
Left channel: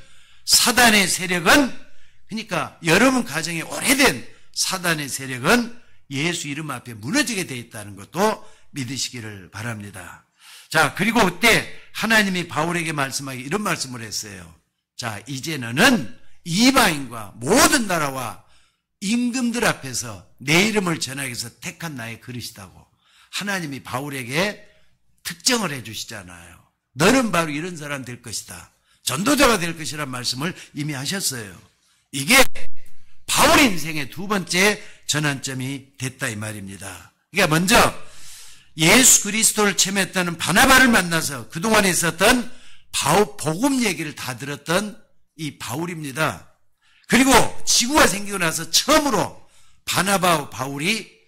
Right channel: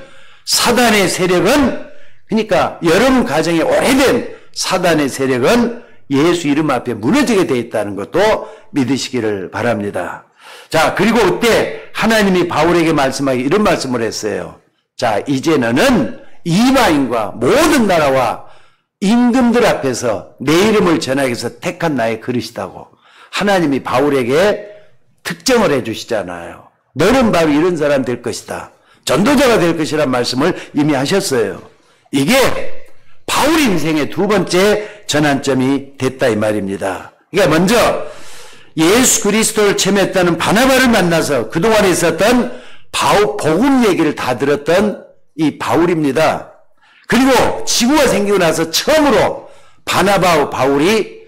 사단의 세력은, 그러니까 여러분 가정에 오래된 사단의 세력은 예수 이름 앞에 무너지게 되어 있다는 것도 믿으시기를 바랍니다. 자, 그리고 그때 하나님이 바울에게 말씀하기 이런 말씀을 했어요. 자, 이제 너는 이방인과 모든 나라와 임금들 앞에서 내 이름을 전하기 위해서 택한 나의 그릇이다고 하나님이 바울에게 특정을 해 주시잖아요. 너는 바로 이런 사람 될 것이다. 전도자가 될 것이란 말씀을 이미 하셨어요. 이게 바울 인생의 두 번째 전환점이 됐다 이 말입니다. 그러니까 먼저 예수 그리스도를 체험했다는 바나바를 만나서 그동안에 있었던 복음 얘기를 다 들었던 이 바울입니다. 그리고 지구가 생기고 나서 처음으로 바나바와 바울이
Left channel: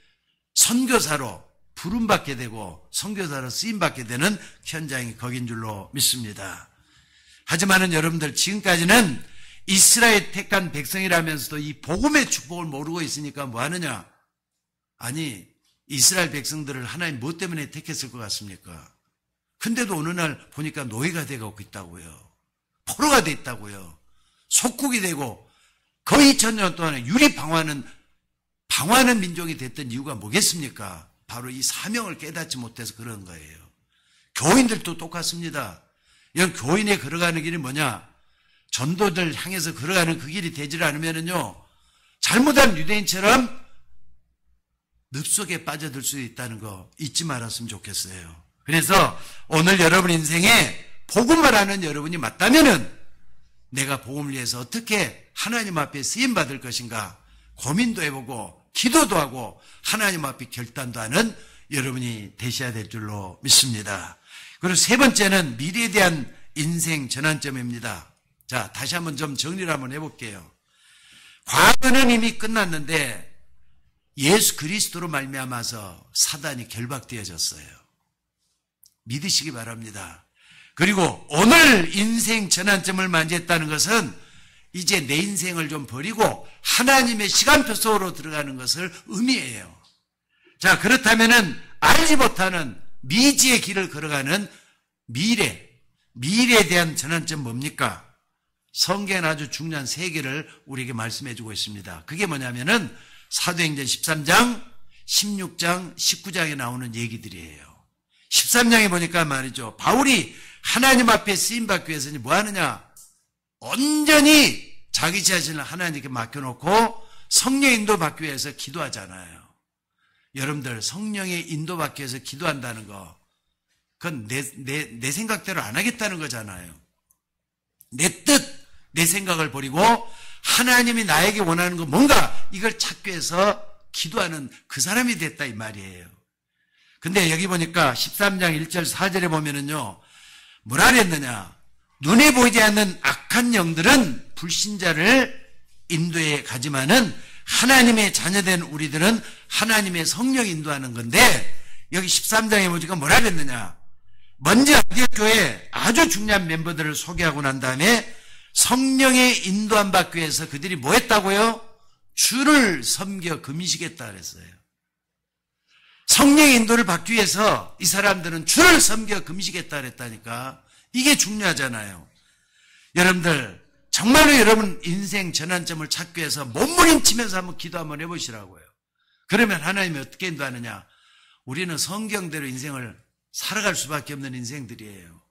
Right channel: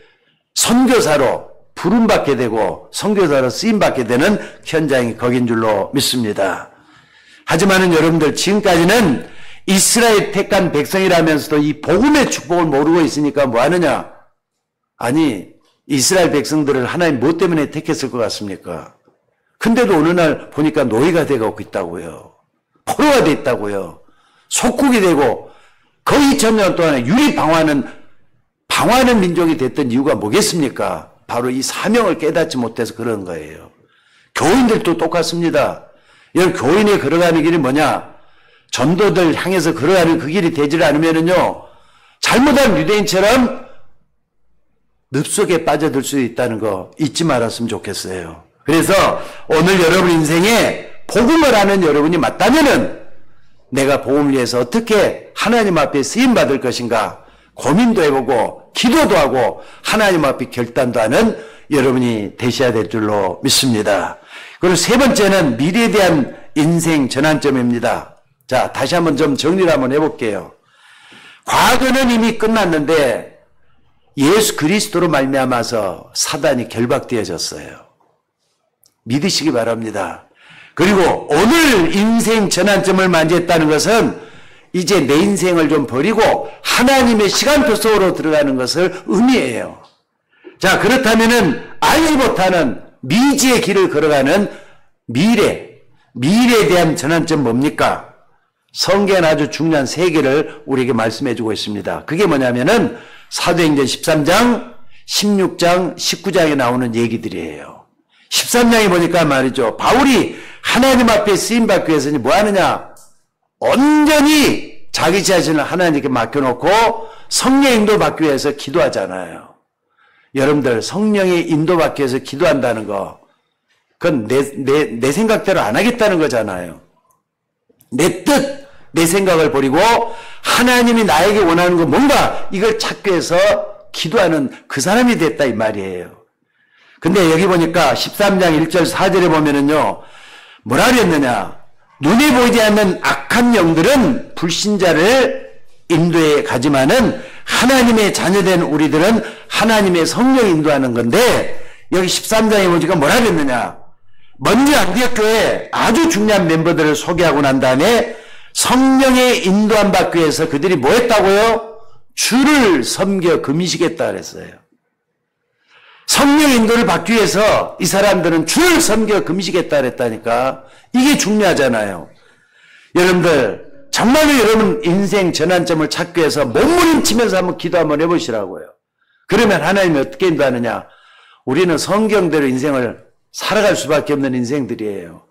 선교사로 부름받게 되고 선교사로 쓰임받게 되는 현장이 거긴 줄로 믿습니다. 하지만은 여러분들 지금까지는 이스라엘 택한 백성이라면서도 이 복음의 축복을 모르고 있으니까 뭐 하느냐? 아니, 이스라엘 백성들을 하나님 뭐 때문에 택했을 것 같습니까? 근데도 어느 날 보니까 노예가 되고 있다고요. 포로가 돼 있다고요. 속국이 되고 거의 2000년 동안에 유리 방황하는 민족이 됐던 이유가 뭐겠습니까? 바로 이 사명을 깨닫지 못해서 그런 거예요. 교인들도 똑같습니다. 이런 교인이 걸어가는 길이 뭐냐? 전도들 향해서 걸어가는 그 길이 되질 않으면은요, 잘못한 유대인처럼 늪속에 빠져들 수 있다는 거 잊지 말았으면 좋겠어요. 그래서 오늘 여러분 인생에 복음을 하는 여러분이 맞다면은 내가 복음을 위해서 어떻게 하나님 앞에 쓰임받을 것인가 고민도 해보고 기도도 하고 하나님 앞에 결단도 하는 여러분이 되셔야 될 줄로 믿습니다. 그리고 세 번째는 미래에 대한 인생 전환점입니다. 자, 다시 한번 좀 정리를 한번 해볼게요. 과거는 이미 끝났는데 예수 그리스도로 말미암아서 사단이 결박되어졌어요. 믿으시기 바랍니다. 그리고 오늘 인생 전환점을 맞이했다는 것은 이제 내 인생을 좀 버리고 하나님의 시간표 속으로 들어가는 것을 의미해요. 자, 그렇다면은 알지 못하는 미지의 길을 걸어가는 미래에 대한 전환점 뭡니까? 성경은 아주 중요한 세 개를 우리에게 말씀해 주고 있습니다. 그게 뭐냐면은 사도행전 13장, 16장, 19장에 나오는 얘기들이에요. 13장에 보니까 말이죠. 바울이 하나님 앞에 쓰임받기 위해서 뭐 하느냐? 온전히 자기 자신을 하나님께 맡겨놓고 성령의 인도를 받기 위해서 기도하잖아요. 여러분들 성령의 인도받기 위해서 기도한다는 거, 그건 내 생각대로 안 하겠다는 거잖아요. 내 뜻, 내 생각을 버리고 하나님이 나에게 원하는 거 뭔가 이걸 찾기 위해서 기도하는 그 사람이 됐다 이 말이에요. 근데 여기 보니까 13장 1절 4절에 보면은요, 뭐라 그랬느냐? 눈에 보이지 않는 악한 영들은 불신자를 인도해 가지만은 하나님의 자녀된 우리들은 하나님의 성령이 인도하는 건데, 여기 13장에 보니까 뭐라 그랬느냐? 먼저 안디옥교회 아주 중요한 멤버들을 소개하고 난 다음에 성령의 인도함 받기 위해서 그들이 뭐 했다고요? 주를 섬겨 금이시겠다 그랬어요. 성령의 인도를 받기 위해서 이 사람들은 주를 섬겨 금이시겠다 그랬다니까. 이게 중요하잖아요. 여러분들 정말로 여러분 인생 전환점을 찾기 위해서 몸부림치면서 한번 기도 한번 해보시라고요. 그러면 하나님이 어떻게 인도하느냐? 우리는 성경대로 인생을 살아갈 수밖에 없는 인생들이에요.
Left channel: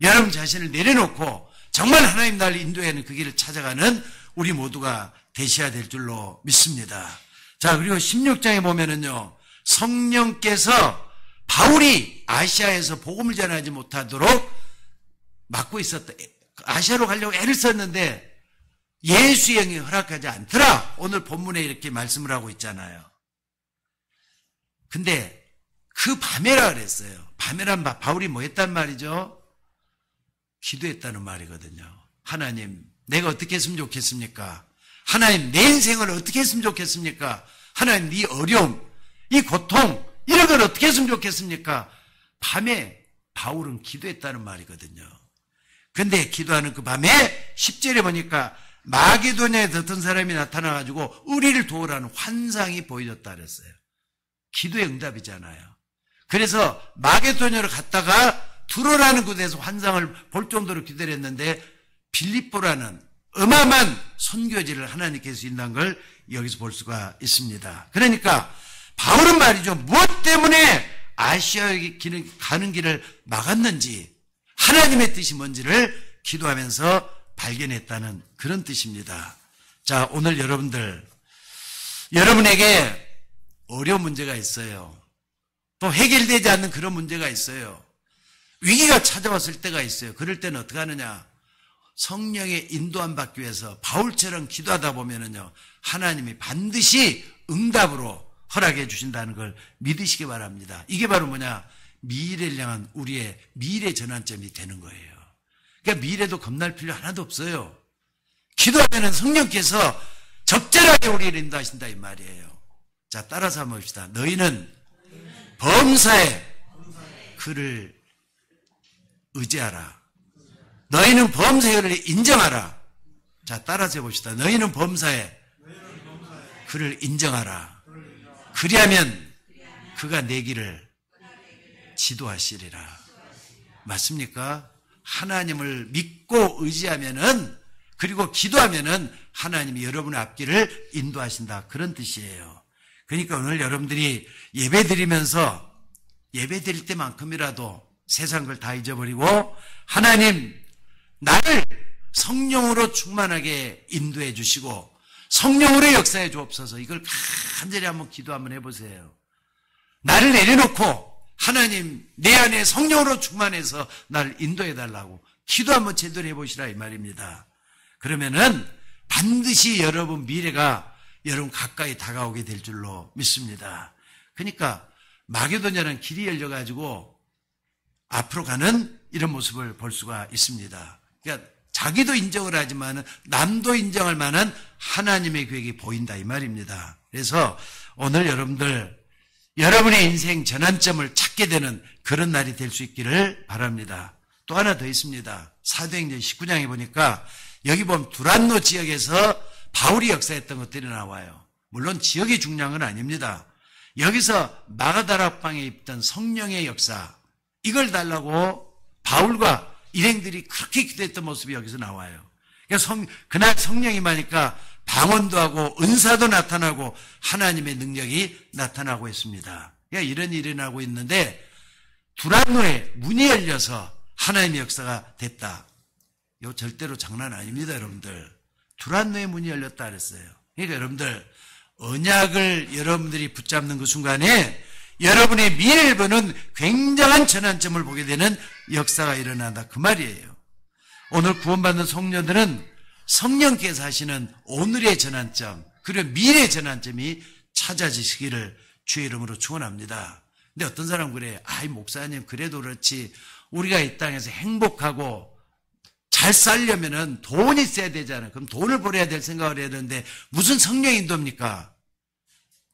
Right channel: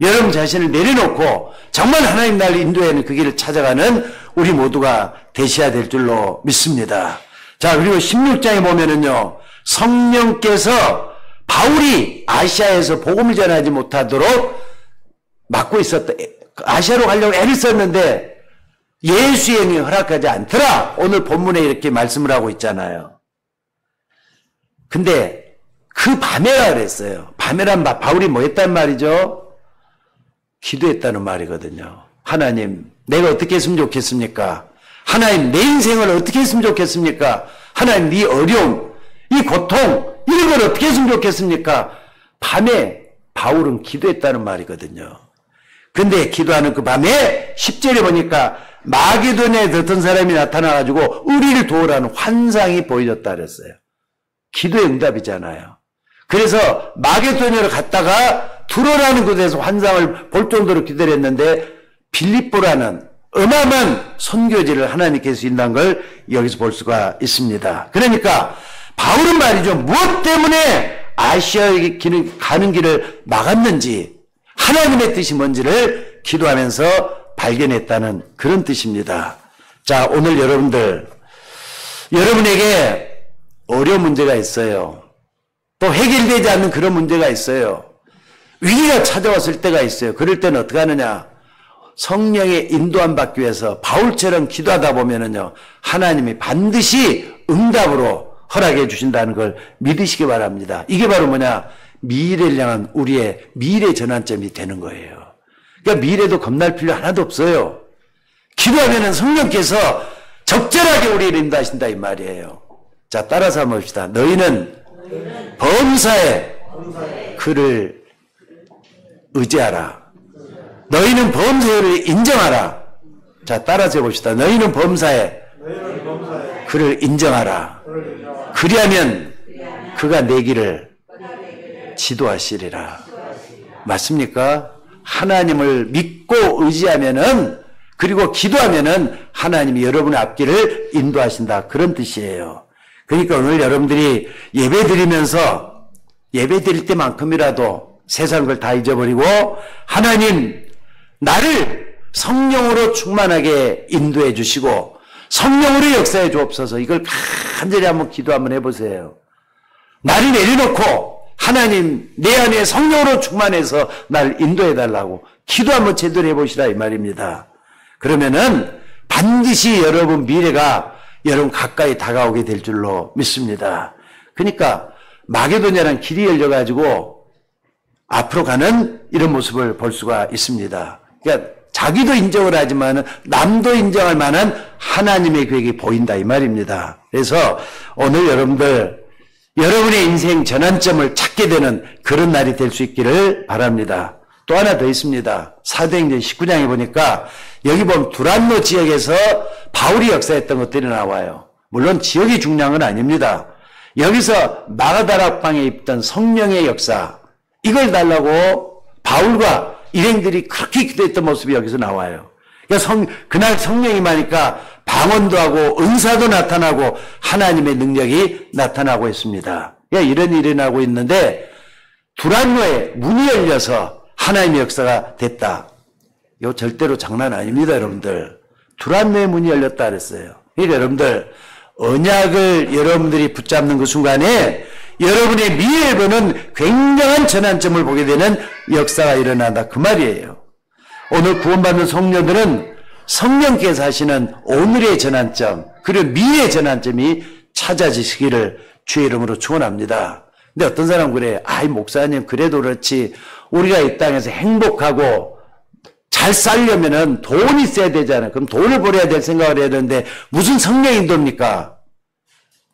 여러분 자신을 내려놓고 정말 하나님 날 인도하는 그 길을 찾아가는 우리 모두가 되셔야 될 줄로 믿습니다. 자, 그리고 16장에 보면은요, 성령께서 바울이 아시아에서 복음을 전하지 못하도록 막고 있었다. 아시아로 가려고 애를 썼는데 예수의 영이 허락하지 않더라. 오늘 본문에 이렇게 말씀을 하고 있잖아요. 근데 그 밤에라 그랬어요. 밤에란 바울이 뭐 했단 말이죠? 기도했다는 말이거든요. 하나님, 내가 어떻게 했으면 좋겠습니까? 하나님, 내 인생을 어떻게 했으면 좋겠습니까? 하나님, 이 어려움, 이 고통, 이런 걸 어떻게 했으면 좋겠습니까? 밤에 바울은 기도했다는 말이거든요. 근데 기도하는 그 밤에 10절에 보니까 마게도냐에 어떤 사람이 나타나가지고 우리를 도우라는 환상이 보여줬다 그랬어요. 기도의 응답이잖아요. 그래서 마게도냐로 갔다가 두로라는 곳에서 환상을 볼 정도로 기도를 했는데 빌립보라는 어마어마한 선교지를 하나님께서 인도한 걸 여기서 볼 수가 있습니다. 그러니까 바울은 말이죠. 무엇 때문에 아시아에 가는 길을 막았는지 하나님의 뜻이 뭔지를 기도하면서 발견했다는 그런 뜻입니다. 자, 오늘 여러분에게 어려운 문제가 있어요. 또 해결되지 않는 그런 문제가 있어요. 위기가 찾아왔을 때가 있어요. 그럴 때는 어떻게 하느냐? 성령의 인도함 받기 위해서 바울처럼 기도하다 보면은요, 하나님이 반드시 응답으로 허락해 주신다는 걸 믿으시기 바랍니다. 이게 바로 뭐냐? 미래를 향한 우리의 미래 전환점이 되는 거예요. 그러니까 미래도 겁날 필요 하나도 없어요. 기도하면은 성령께서 적절하게 우리를 인도하신다 이 말이에요. 자, 따라서 한번 봅시다. 너희는 범사에 그를 의지하라. 너희는 범사를 인정하라. 자, 따라서 해봅시다. 너희는 범사에 그를 인정하라. 그리하면 그가 내 길을 지도하시리라. 맞습니까? 하나님을 믿고 의지하면은, 그리고 기도하면은 하나님이 여러분의 앞길을 인도하신다. 그런 뜻이에요. 그러니까 오늘 여러분들이 예배 드리면서 예배 드릴 때만큼이라도 세상 걸 다 잊어버리고 하나님 나를 성령으로 충만하게 인도해 주시고 성령으로 역사해 주옵소서. 이걸 간절히 한번 기도 한번 해보세요. 나를 내려놓고 하나님 내 안에 성령으로 충만해서 나를 인도해 달라고 기도 한번 제대로 해보시라 이 말입니다. 그러면은 반드시 여러분 미래가 여러분 가까이 다가오게 될 줄로 믿습니다. 그러니까 마게도냐라는 길이 열려가지고 앞으로 가는 이런 모습을 볼 수가 있습니다. 그러니까 자기도 인정을 하지만 남도 인정할 만한 하나님의 계획이 보인다 이 말입니다. 그래서 오늘 여러분의 인생 전환점을 찾게 되는 그런 날이 될 수 있기를 바랍니다. 또 하나 더 있습니다. 사도행전 19장에 보니까 여기 보면 두란노 지역에서 바울이 역사했던 것들이 나와요. 물론 지역이 중요한 건 아닙니다. 여기서 마가다락방에 있던 성령의 역사, 이걸 달라고 바울과 일행들이 그렇게 기도했던 모습이 여기서 나와요. 그러니까 그날 성령이 임하니까 방언도 하고 은사도 나타나고 하나님의 능력이 나타나고 있습니다. 그러니까 이런 일이 일어나고 있는데 두란노에 문이 열려서 하나님의 역사가 됐다. 이거 절대로 장난 아닙니다, 여러분들. 두란노의 문이 열렸다 그랬어요. 그러니까 여러분들 언약을 여러분들이 붙잡는 그 순간에 여러분의 미래를 보는 굉장한 전환점을 보게 되는 역사가 일어난다 그 말이에요. 오늘 구원받는 성도들은 성령께서 하시는 오늘의 전환점 그리고 미래의 전환점이 찾아지시기를 주의 이름으로 축원합니다. 근데 어떤 사람은 그래. 아이 목사님 그래도 그렇지 우리가 이 땅에서 행복하고 잘 살려면은 돈이 있어야 되잖아요. 그럼 돈을 벌어야 될 생각을 해야 되는데 무슨 성령 인도입니까?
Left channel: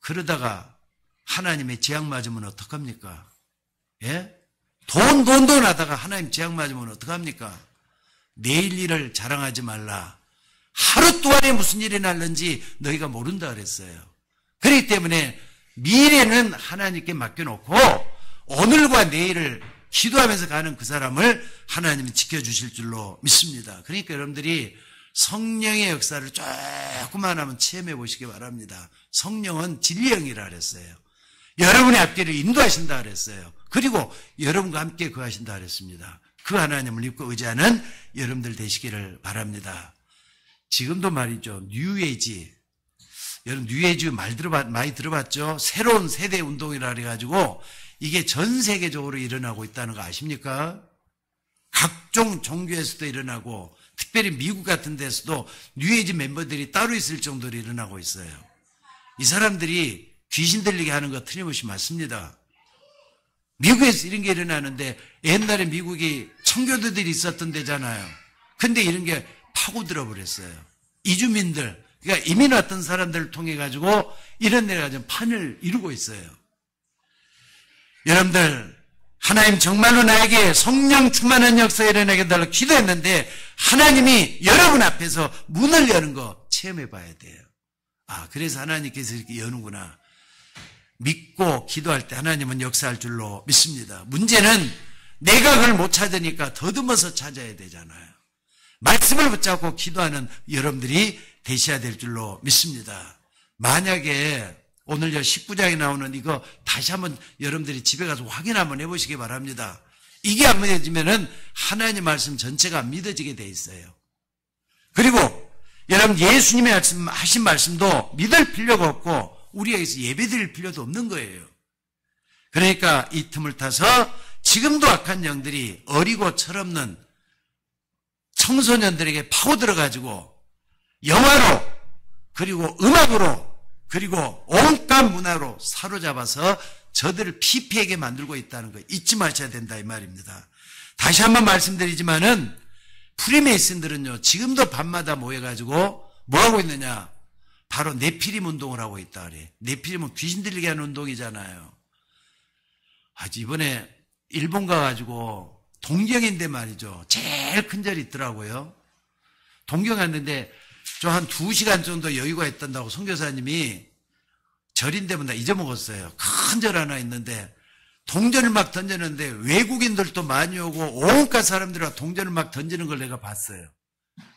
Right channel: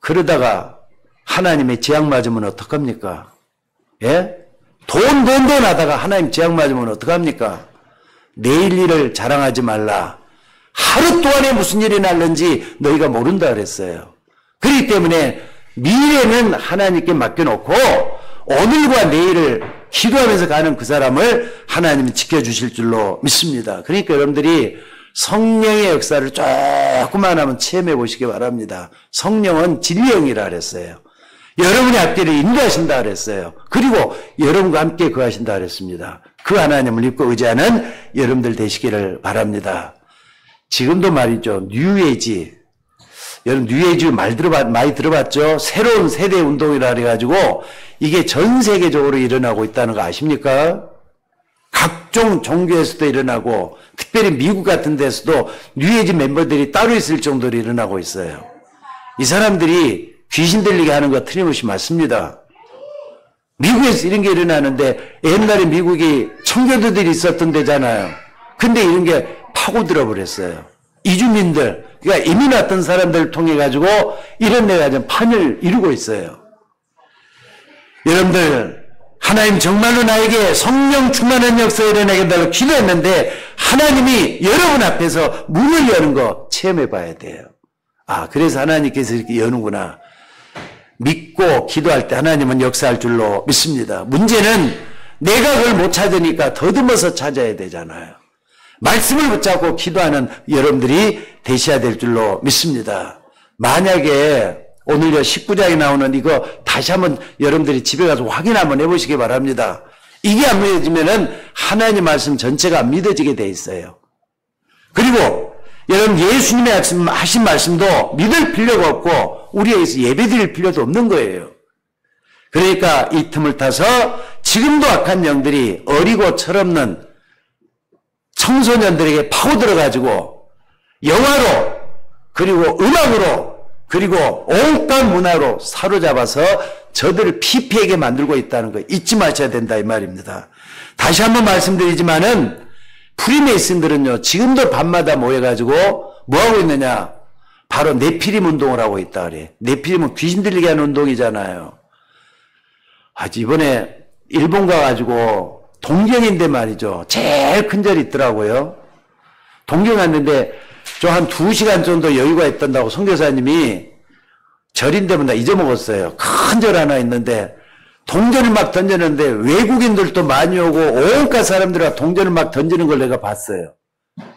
그러다가 하나님의 재앙 맞으면 어떡합니까? 예? 돈 하다가 하나님 재앙 맞으면 어떡합니까? 내일 일을 자랑하지 말라. 하루 동안에 무슨 일이 날는지 너희가 모른다 그랬어요. 그렇기 때문에 미래는 하나님께 맡겨놓고 오늘과 내일을 기도하면서 가는 그 사람을 하나님이 지켜주실 줄로 믿습니다. 그러니까 여러분들이 성령의 역사를 조금만 하면 체험해 보시기 바랍니다. 성령은 진리형이라 그랬어요. 여러분의 앞길을 인도하신다 그랬어요. 그리고 여러분과 함께 거하신다 그랬습니다. 그 하나님을 믿고 의지하는 여러분들 되시기를 바랍니다. 지금도 말이죠. 뉴에이지. 여러분 뉴에이지 많이 들어봤죠? 새로운 세대 운동이라 그래가지고 이게 전 세계적으로 일어나고 있다는 거 아십니까? 각종 종교에서도 일어나고 특별히 미국 같은 데서도 뉴에이지 멤버들이 따로 있을 정도로 일어나고 있어요. 이 사람들이 귀신 들리게 하는 거 틀림없이 맞습니다. 미국에서 이런 게 일어나는데 옛날에 미국이 청교도들이 있었던 데잖아요. 근데 이런 게 파고들어 버렸어요. 이주민들, 그러니까 이민 왔던 사람들을 통해 가지고 이런 데가 좀 판을 이루고 있어요. 여러분들 하나님 정말로 나에게 성령 충만한 역사 일어나게 해달라고 기도했는데 하나님이 여러분 앞에서 문을 여는 거 체험해 봐야 돼요. 아, 그래서 하나님께서 이렇게 여는구나. 믿고 기도할 때 하나님은 역사할 줄로 믿습니다. 문제는 내가 그걸 못 찾으니까 더듬어서 찾아야 되잖아요. 말씀을 붙잡고 기도하는 여러분들이 되셔야 될 줄로 믿습니다. 만약에 오늘 19장에 나오는 이거 다시 한번 여러분들이 집에 가서 확인 한번 해보시기 바랍니다. 이게 안 믿어지면은 하나님 말씀 전체가 안 믿어지게 돼 있어요. 그리고 여러분 예수님의 하신 말씀도 믿을 필요가 없고 우리에게서 예배드릴 필요도 없는 거예요. 그러니까 이 틈을 타서 지금도 악한 영들이 어리고 철없는 청소년들에게 파고들어가지고 영화로 그리고 음악으로 그리고 온갖 문화로 사로잡아서 저들을 피폐하게 만들고 있다는 거 잊지 마셔야 된다 이 말입니다. 다시 한번 말씀드리지만은 프리메이슨들은요 지금도 밤마다 모여가지고 뭐하고 있느냐, 바로 네피림 운동을 하고 있다 그래. 네피림은 귀신 들리게 하는 운동이잖아요. 이번에 일본 가가지고 동경인데 말이죠, 제일 큰 절이 있더라고요. 동경 갔는데 저 한 2시간 정도 여유가 있던다고 선교사님이, 절인데 나 잊어먹었어요. 큰 절 하나 있는데 동전을 막 던졌는데 외국인들도 많이 오고 온갖 사람들과 동전을 막 던지는 걸 내가 봤어요.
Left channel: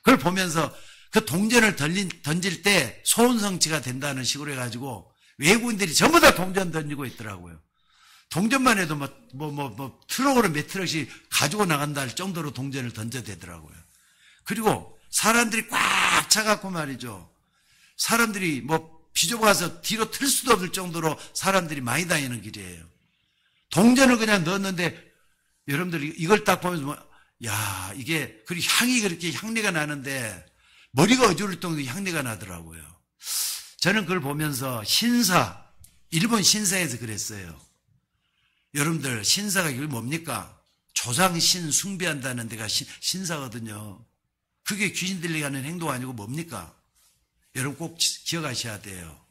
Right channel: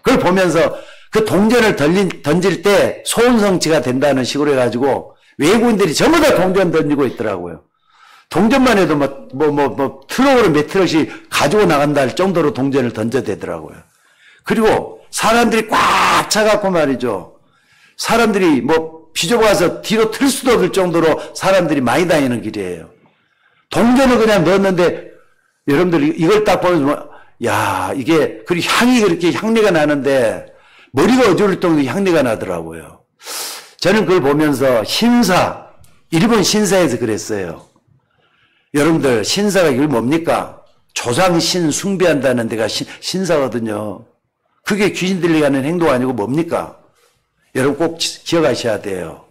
그걸 보면서 그 동전을 던질 때 소원성취가 된다는 식으로 해가지고 외국인들이 전부 다 동전 던지고 있더라고요. 동전만 해도 트럭으로 몇 트럭씩 가지고 나간다 할 정도로 동전을 던져대더라고요. 그리고 사람들이 꽉 차갖고 말이죠. 사람들이 비좁아서 뒤로 틀 수도 없을 정도로 사람들이 많이 다니는 길이에요. 동전을 그냥 넣었는데 여러분들 이걸 딱 보면 이게 그리고 향이 그렇게 향내가 나는데 머리가 어지러울 정도로 향내가 나더라고요. 저는 그걸 보면서 일본 신사에서 그랬어요. 여러분들 신사가 이게 뭡니까? 조상신 숭배한다는 데가 신사거든요. 그게 귀신 들리게 하는 행동 아니고 뭡니까? 여러분 꼭 기억하셔야 돼요.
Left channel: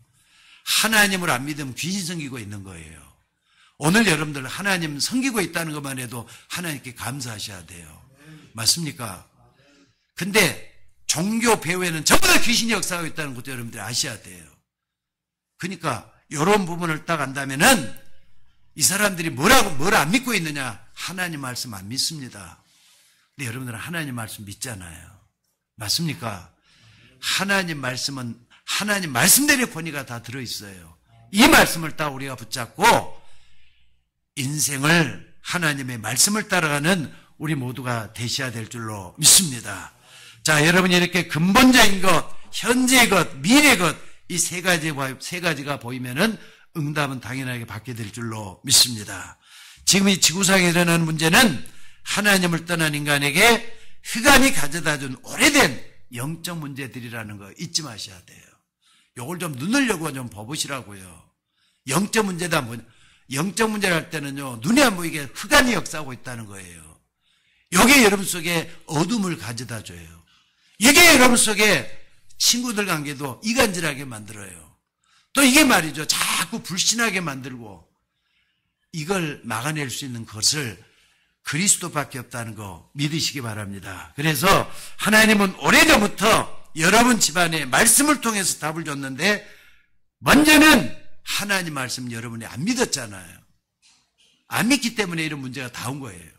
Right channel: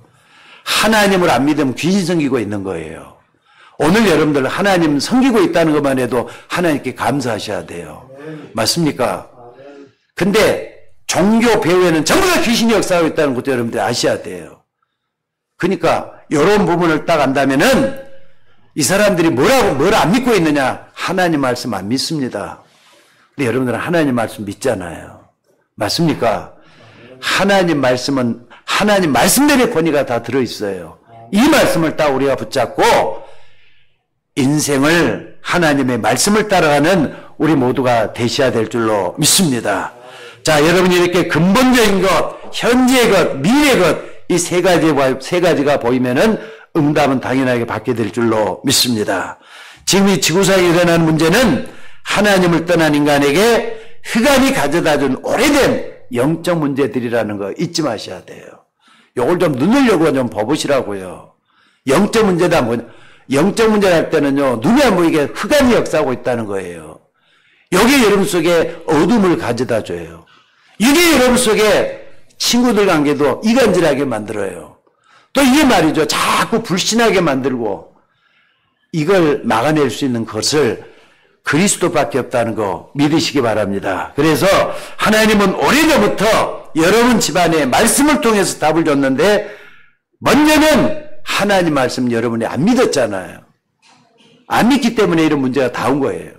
하나님을 안 믿으면 귀신 섬기고 있는 거예요. 오늘 여러분들 하나님 섬기고 있다는 것만 해도 하나님께 감사하셔야 돼요. 맞습니까? 근데 종교 배후에는 전부 다 귀신이 역사하고 있다는 것도 여러분들 아셔야 돼요. 그러니까 이런 부분을 딱 안다면은 이 사람들이 뭘 안 믿고 있느냐? 하나님 말씀 안 믿습니다. 근데 여러분들은 하나님 말씀 믿잖아요. 맞습니까? 하나님 말씀은 하나님 말씀대로의 권위가 다 들어있어요. 이 말씀을 딱 우리가 붙잡고 인생을 하나님의 말씀을 따라가는 우리 모두가 되셔야 될 줄로 믿습니다. 자, 여러분이 이렇게 근본적인 것, 현재의 것, 미래의 것, 이 세 가지가 보이면은 응답은 당연하게 받게 될 줄로 믿습니다. 지금 이 지구상에 일어나는 문제는 하나님을 떠난 인간에게 흑암이 가져다준 오래된 영적 문제들이라는 거 잊지 마셔야 돼요. 요걸 좀 눈을 열고 좀 봐보시라고요. 영적 문제다 영적 문제를 할 때는요, 눈에 안 보이게 흑암이 역사하고 있다는 거예요. 여기 여러분 속에 어둠을 가져다 줘요. 이게 여러분 속에 친구들 관계도 이간질하게 만들어요. 또 이게 말이죠, 자꾸 불신하게 만들고, 이걸 막아낼 수 있는 것을 그리스도밖에 없다는 거 믿으시기 바랍니다. 그래서 하나님은 오래전부터 여러분 집안에 말씀을 통해서 답을 줬는데, 먼저는 하나님 말씀 여러분이 안 믿었잖아요. 안 믿기 때문에 이런 문제가 다 온 거예요.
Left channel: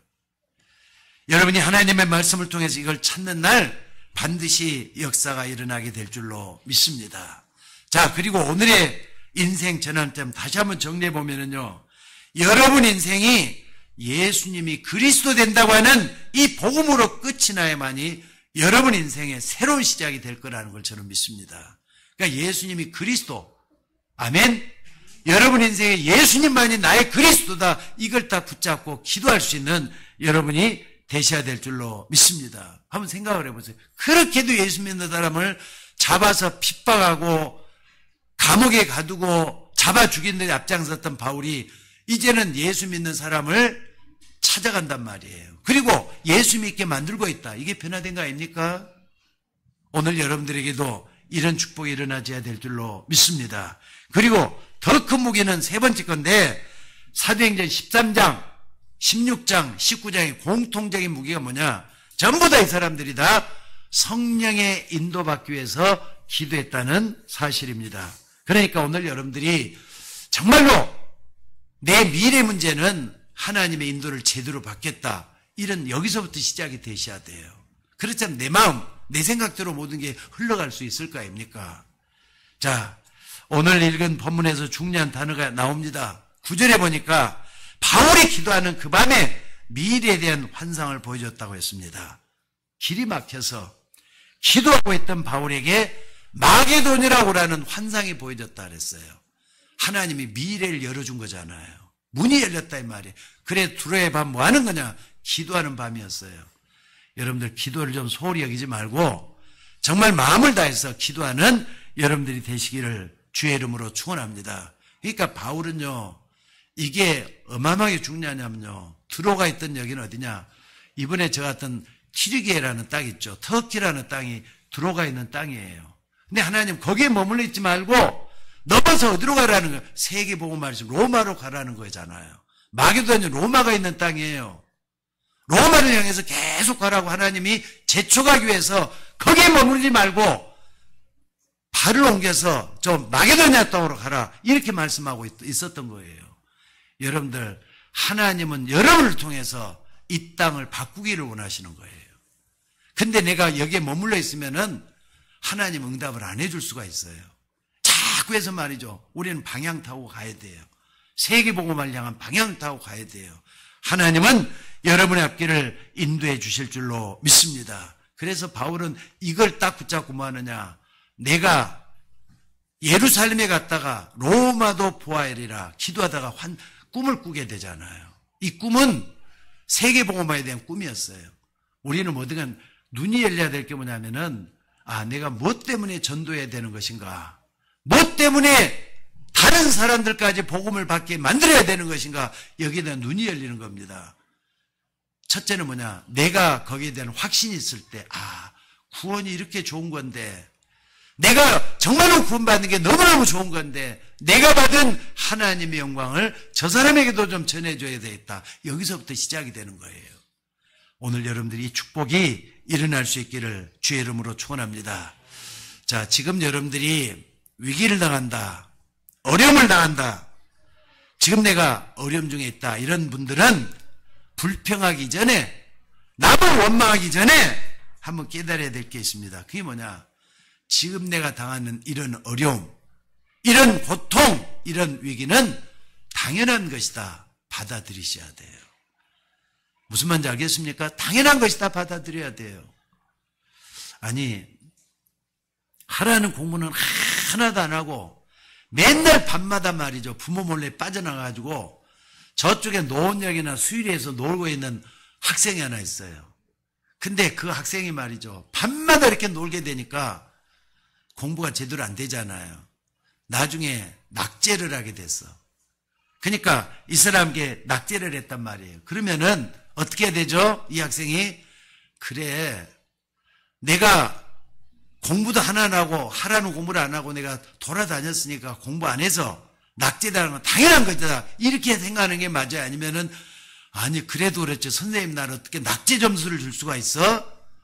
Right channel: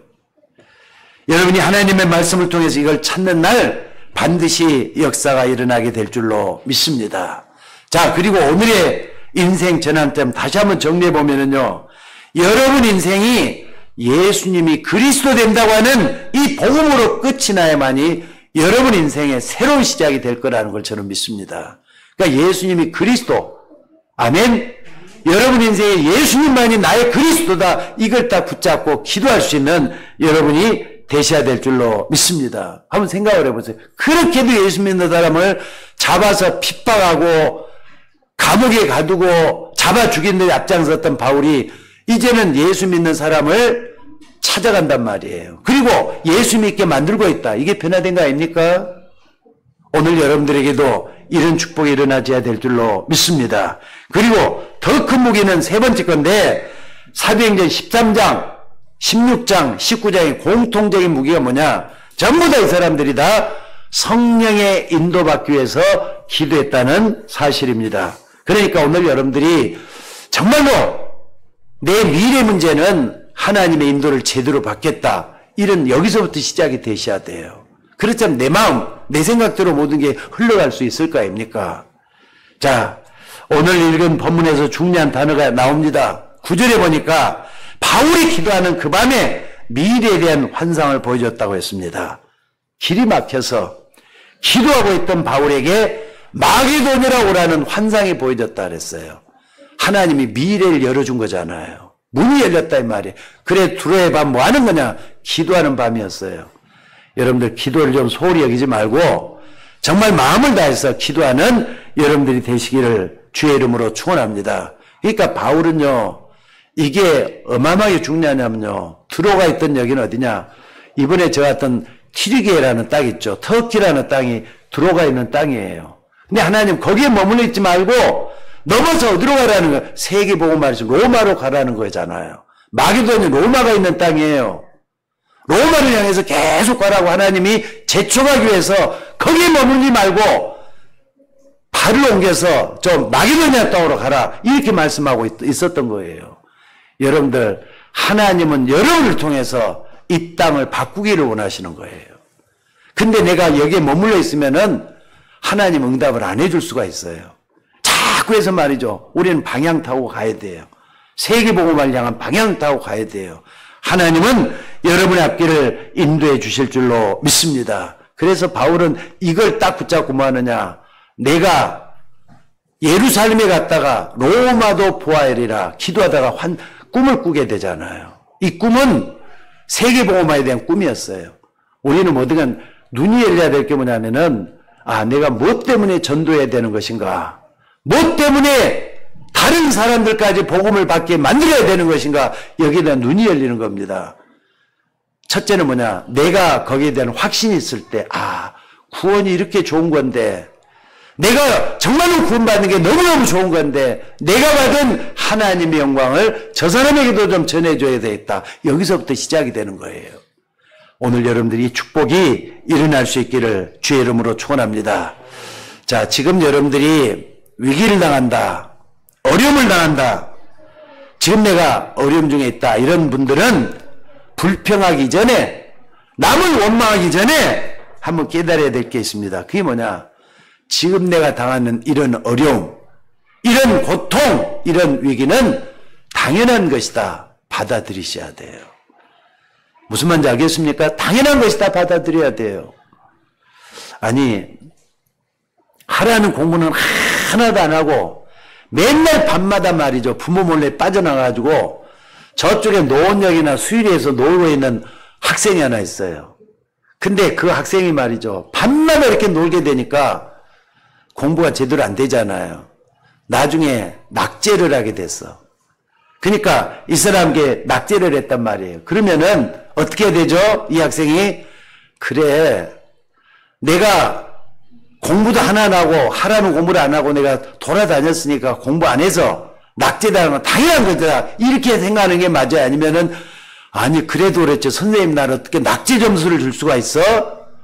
여러분이 하나님의 말씀을 통해서 이걸 찾는 날 반드시 역사가 일어나게 될 줄로 믿습니다. 자, 그리고 오늘의 인생 전환점 다시 한번 정리해 보면은요, 여러분 인생이 예수님이 그리스도 된다고 하는 이 복음으로 끝이 나야만이 여러분 인생의 새로운 시작이 될 거라는 걸 저는 믿습니다. 그러니까 예수님이 그리스도, 아멘. 여러분 인생에 예수님만이 나의 그리스도다, 이걸 딱 붙잡고 기도할 수 있는 여러분이 되셔야 될 줄로 믿습니다. 한번 생각을 해보세요. 그렇게도 예수 믿는 사람을 잡아서 핍박하고 감옥에 가두고 잡아 죽이는 데 앞장섰던 바울이 이제는 예수 믿는 사람을 찾아간단 말이에요. 그리고 예수 믿게 만들고 있다. 이게 변화된 거 아닙니까? 오늘 여러분들에게도 이런 축복이 일어나줘야 될 줄로 믿습니다. 그리고 더 큰 무게는 세 번째 건데, 사도행전 13장 16장, 19장의 공통적인 무기가 뭐냐? 전부 다 이 사람들이 다 성령의 인도받기 위해서 기도했다는 사실입니다. 그러니까 오늘 여러분들이 정말로 내 미래 문제는 하나님의 인도를 제대로 받겠다. 이런 여기서부터 시작이 되셔야 돼요. 그렇다면 내 마음, 내 생각대로 모든 게 흘러갈 수 있을 거 아닙니까? 자, 오늘 읽은 본문에서 중요한 단어가 나옵니다. 9절에 보니까 바울이 기도하는 그 밤에 미래에 대한 환상을 보여줬다고 했습니다. 길이 막혀서 기도하고 있던 바울에게 마게도니라 오라는 환상이 보여졌다 그랬어요. 하나님이 미래를 열어준 거잖아요. 문이 열렸다 이 말이에요. 그래 두로의 밤 뭐 하는 거냐? 기도하는 밤이었어요. 여러분들 기도를 좀 소홀히 여기지 말고 정말 마음을 다해서 기도하는 여러분들이 되시기를 주의 이름으로 축원합니다. 그러니까 바울은요. 이게 어마어마하게 중요하냐면요. 들어가 있던 여기는 어디냐. 이번에 저 같은 튀르기에라는 땅 있죠. 터키라는 땅이 들어가 있는 땅이에요. 근데 하나님 거기에 머물러 있지 말고 넘어서 어디로 가라는 거예요? 세계복음화에서 로마로 가라는 거잖아요. 마게도니 로마가 있는 땅이에요. 로마를 향해서 계속 가라고 하나님이 제초하기 위해서 거기에 머물지 말고 발을 옮겨서 좀 마게도니아 땅으로 가라. 이렇게 말씀하고 있었던 거예요. 여러분들 하나님은 여러분을 통해서 이 땅을 바꾸기를 원하시는 거예요. 근데 내가 여기에 머물러 있으면은 하나님 응답을 안 해줄 수가 있어요. 자꾸 해서 말이죠. 우리는 방향 타고 가야 돼요. 세계복음을 향한 방향 타고 가야 돼요. 하나님은 여러분의 앞길을 인도해 주실 줄로 믿습니다. 그래서 바울은 이걸 딱 붙잡고 뭐 하느냐. 내가 예루살렘에 갔다가 로마도 보아야리라 기도하다가 꿈을 꾸게 되잖아요. 이 꿈은 세계복음화에 대한 꿈이었어요. 우리는 뭐든 눈이 열려야 될 게 뭐냐면은 내가 무엇 때문에 전도해야 되는 것인가? 무엇 때문에 다른 사람들까지 복음을 받게 만들어야 되는 것인가? 여기에 대한 눈이 열리는 겁니다. 첫째는 뭐냐? 내가 거기에 대한 확신이 있을 때 구원이 이렇게 좋은 건데 내가 정말로 구원받는 게 너무너무 좋은 건데 내가 받은 하나님의 영광을 저 사람에게도 좀 전해줘야 되겠다. 여기서부터 시작이 되는 거예요. 오늘 여러분들이 이 축복이 일어날 수 있기를 주의 이름으로 축원합니다. 자, 지금 여러분들이 위기를 당한다. 어려움을 당한다. 지금 내가 어려움 중에 있다. 이런 분들은 불평하기 전에 남을 원망하기 전에 한번 깨달아야 될 게 있습니다. 그게 뭐냐? 지금 내가 당하는 이런 어려움, 이런 고통, 이런 위기는 당연한 것이다. 받아들이셔야 돼요. 무슨 말인지 알겠습니까? 당연한 것이다. 받아들여야 돼요. 아니, 하라는 공부는 하나도 안 하고 맨날 밤마다 말이죠. 부모 몰래 빠져나가가지고 저쪽에 노원역이나 수유리에서 놀고 있는 학생이 하나 있어요. 근데 그 학생이 말이죠. 밤마다 이렇게 놀게 되니까 공부가 제대로 안 되잖아요. 나중에 낙제를 하게 됐어. 그러니까 이 사람에게 낙제를 했단 말이에요. 그러면은 어떻게 되죠? 이 학생이 그래 내가 공부도 하나 안 하고 하라는 공부를 안 하고 내가 돌아다녔으니까 공부 안 해서 낙제당하는 건 당연한 거다. 이렇게 생각하는 게 맞아요? 아니면은 아니 그래도 그랬죠. 선생님 날 어떻게 낙제 점수를 줄 수가 있어?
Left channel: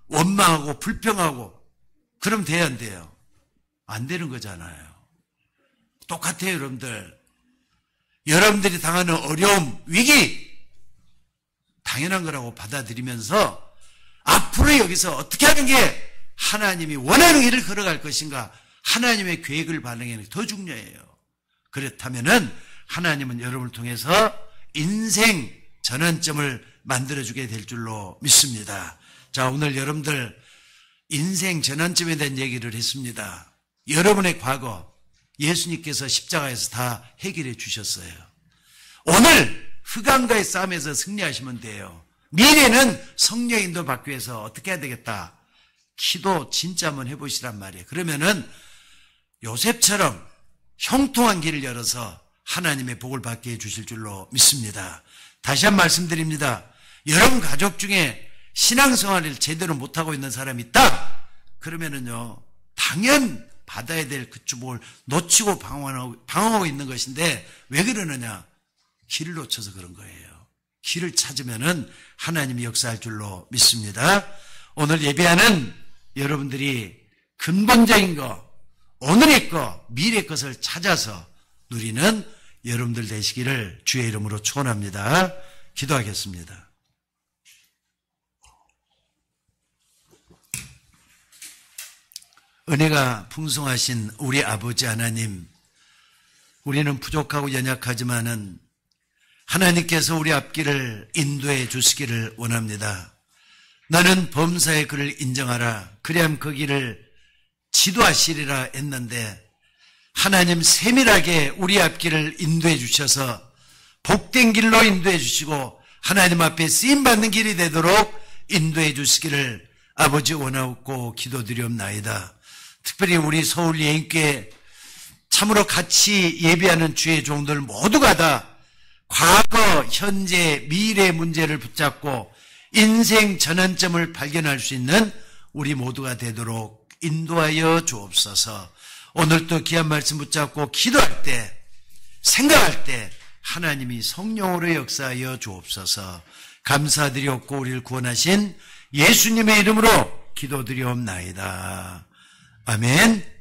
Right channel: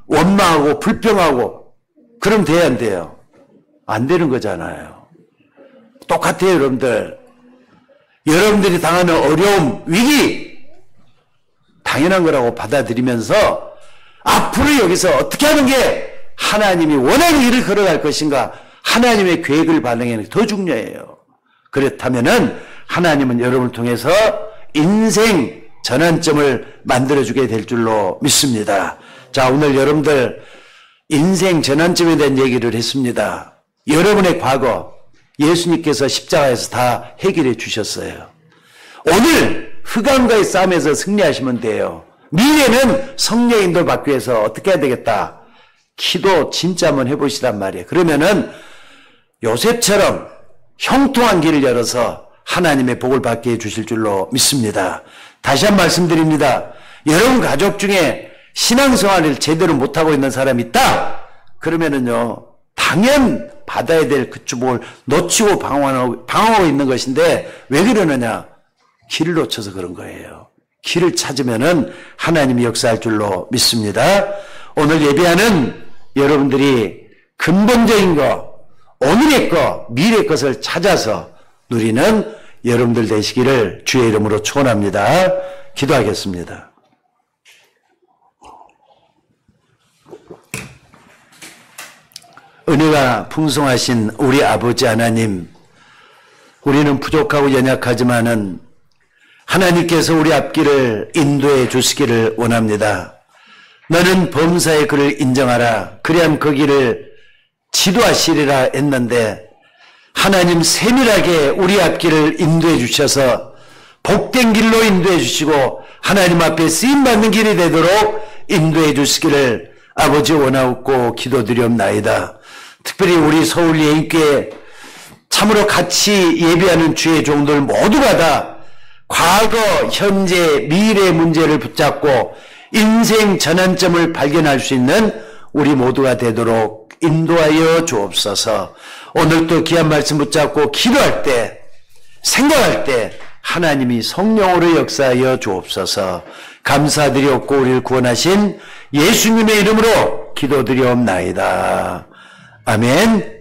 원망하고 불평하고 그럼 돼야 안 돼요? 안 되는 거잖아요. 똑같아요, 여러분들. 여러분들이 당하는 어려움, 위기 당연한 거라고 받아들이면서 앞으로 여기서 어떻게 하는 게 하나님이 원하는 길을 걸어갈 것인가, 하나님의 계획을 반영하는 게 더 중요해요. 그렇다면은 하나님은 여러분을 통해서 인생 전환점을 만들어주게 될 줄로 믿습니다. 자, 오늘 여러분들 인생 전환점에 대한 얘기를 했습니다. 여러분의 과거 예수님께서 십자가에서 다 해결해 주셨어요. 오늘 흑암과의 싸움에서 승리하시면 돼요. 미래는 성령의 인도를 받기 위해서 어떻게 해야 되겠다? 기도 진짜 한번 해보시란 말이에요. 그러면은 요셉처럼 형통한 길을 열어서 하나님의 복을 받게 해주실 줄로 믿습니다. 다시 한 번 말씀드립니다. 여러분 가족 중에 신앙생활을 제대로 못하고 있는 사람이 있다? 그러면은요, 당연 받아야 될 그 축복을 놓치고 방황하고 있는 것인데 왜 그러느냐? 길을 놓쳐서 그런 거예요. 길을 찾으면은 하나님이 역사할 줄로 믿습니다. 오늘 예배하는 여러분들이 근본적인 것, 오늘의 것, 미래의 것을 찾아서 누리는 여러분들 되시기를 주의 이름으로 축원합니다. 기도하겠습니다. 은혜가 풍성하신 우리 아버지 하나님, 우리는 부족하고 연약하지만은 하나님께서 우리 앞길을 인도해 주시기를 원합니다. 너는 범사의 그를 인정하라. 그리하면 그 길을 지도하시리라 했는데 하나님 세밀하게 우리 앞길을 인도해 주셔서 복된 길로 인도해 주시고 하나님 앞에 쓰임받는 길이 되도록 인도해 주시기를 아버지 원하옵고 기도드리옵나이다. 특별히 우리 서울 예인교회 참으로 같이 예배하는 주의 종들 모두가 다 과거, 현재, 미래의 문제를 붙잡고 인생 전환점을 발견할 수 있는 우리 모두가 되도록 인도하여 주옵소서. 오늘도 귀한 말씀 붙잡고 기도할 때, 생각할 때 하나님이 성령으로 역사하여 주옵소서. 감사드리옵고 우리를 구원하신 예수님의 이름으로 기도드리옵나이다. 아멘.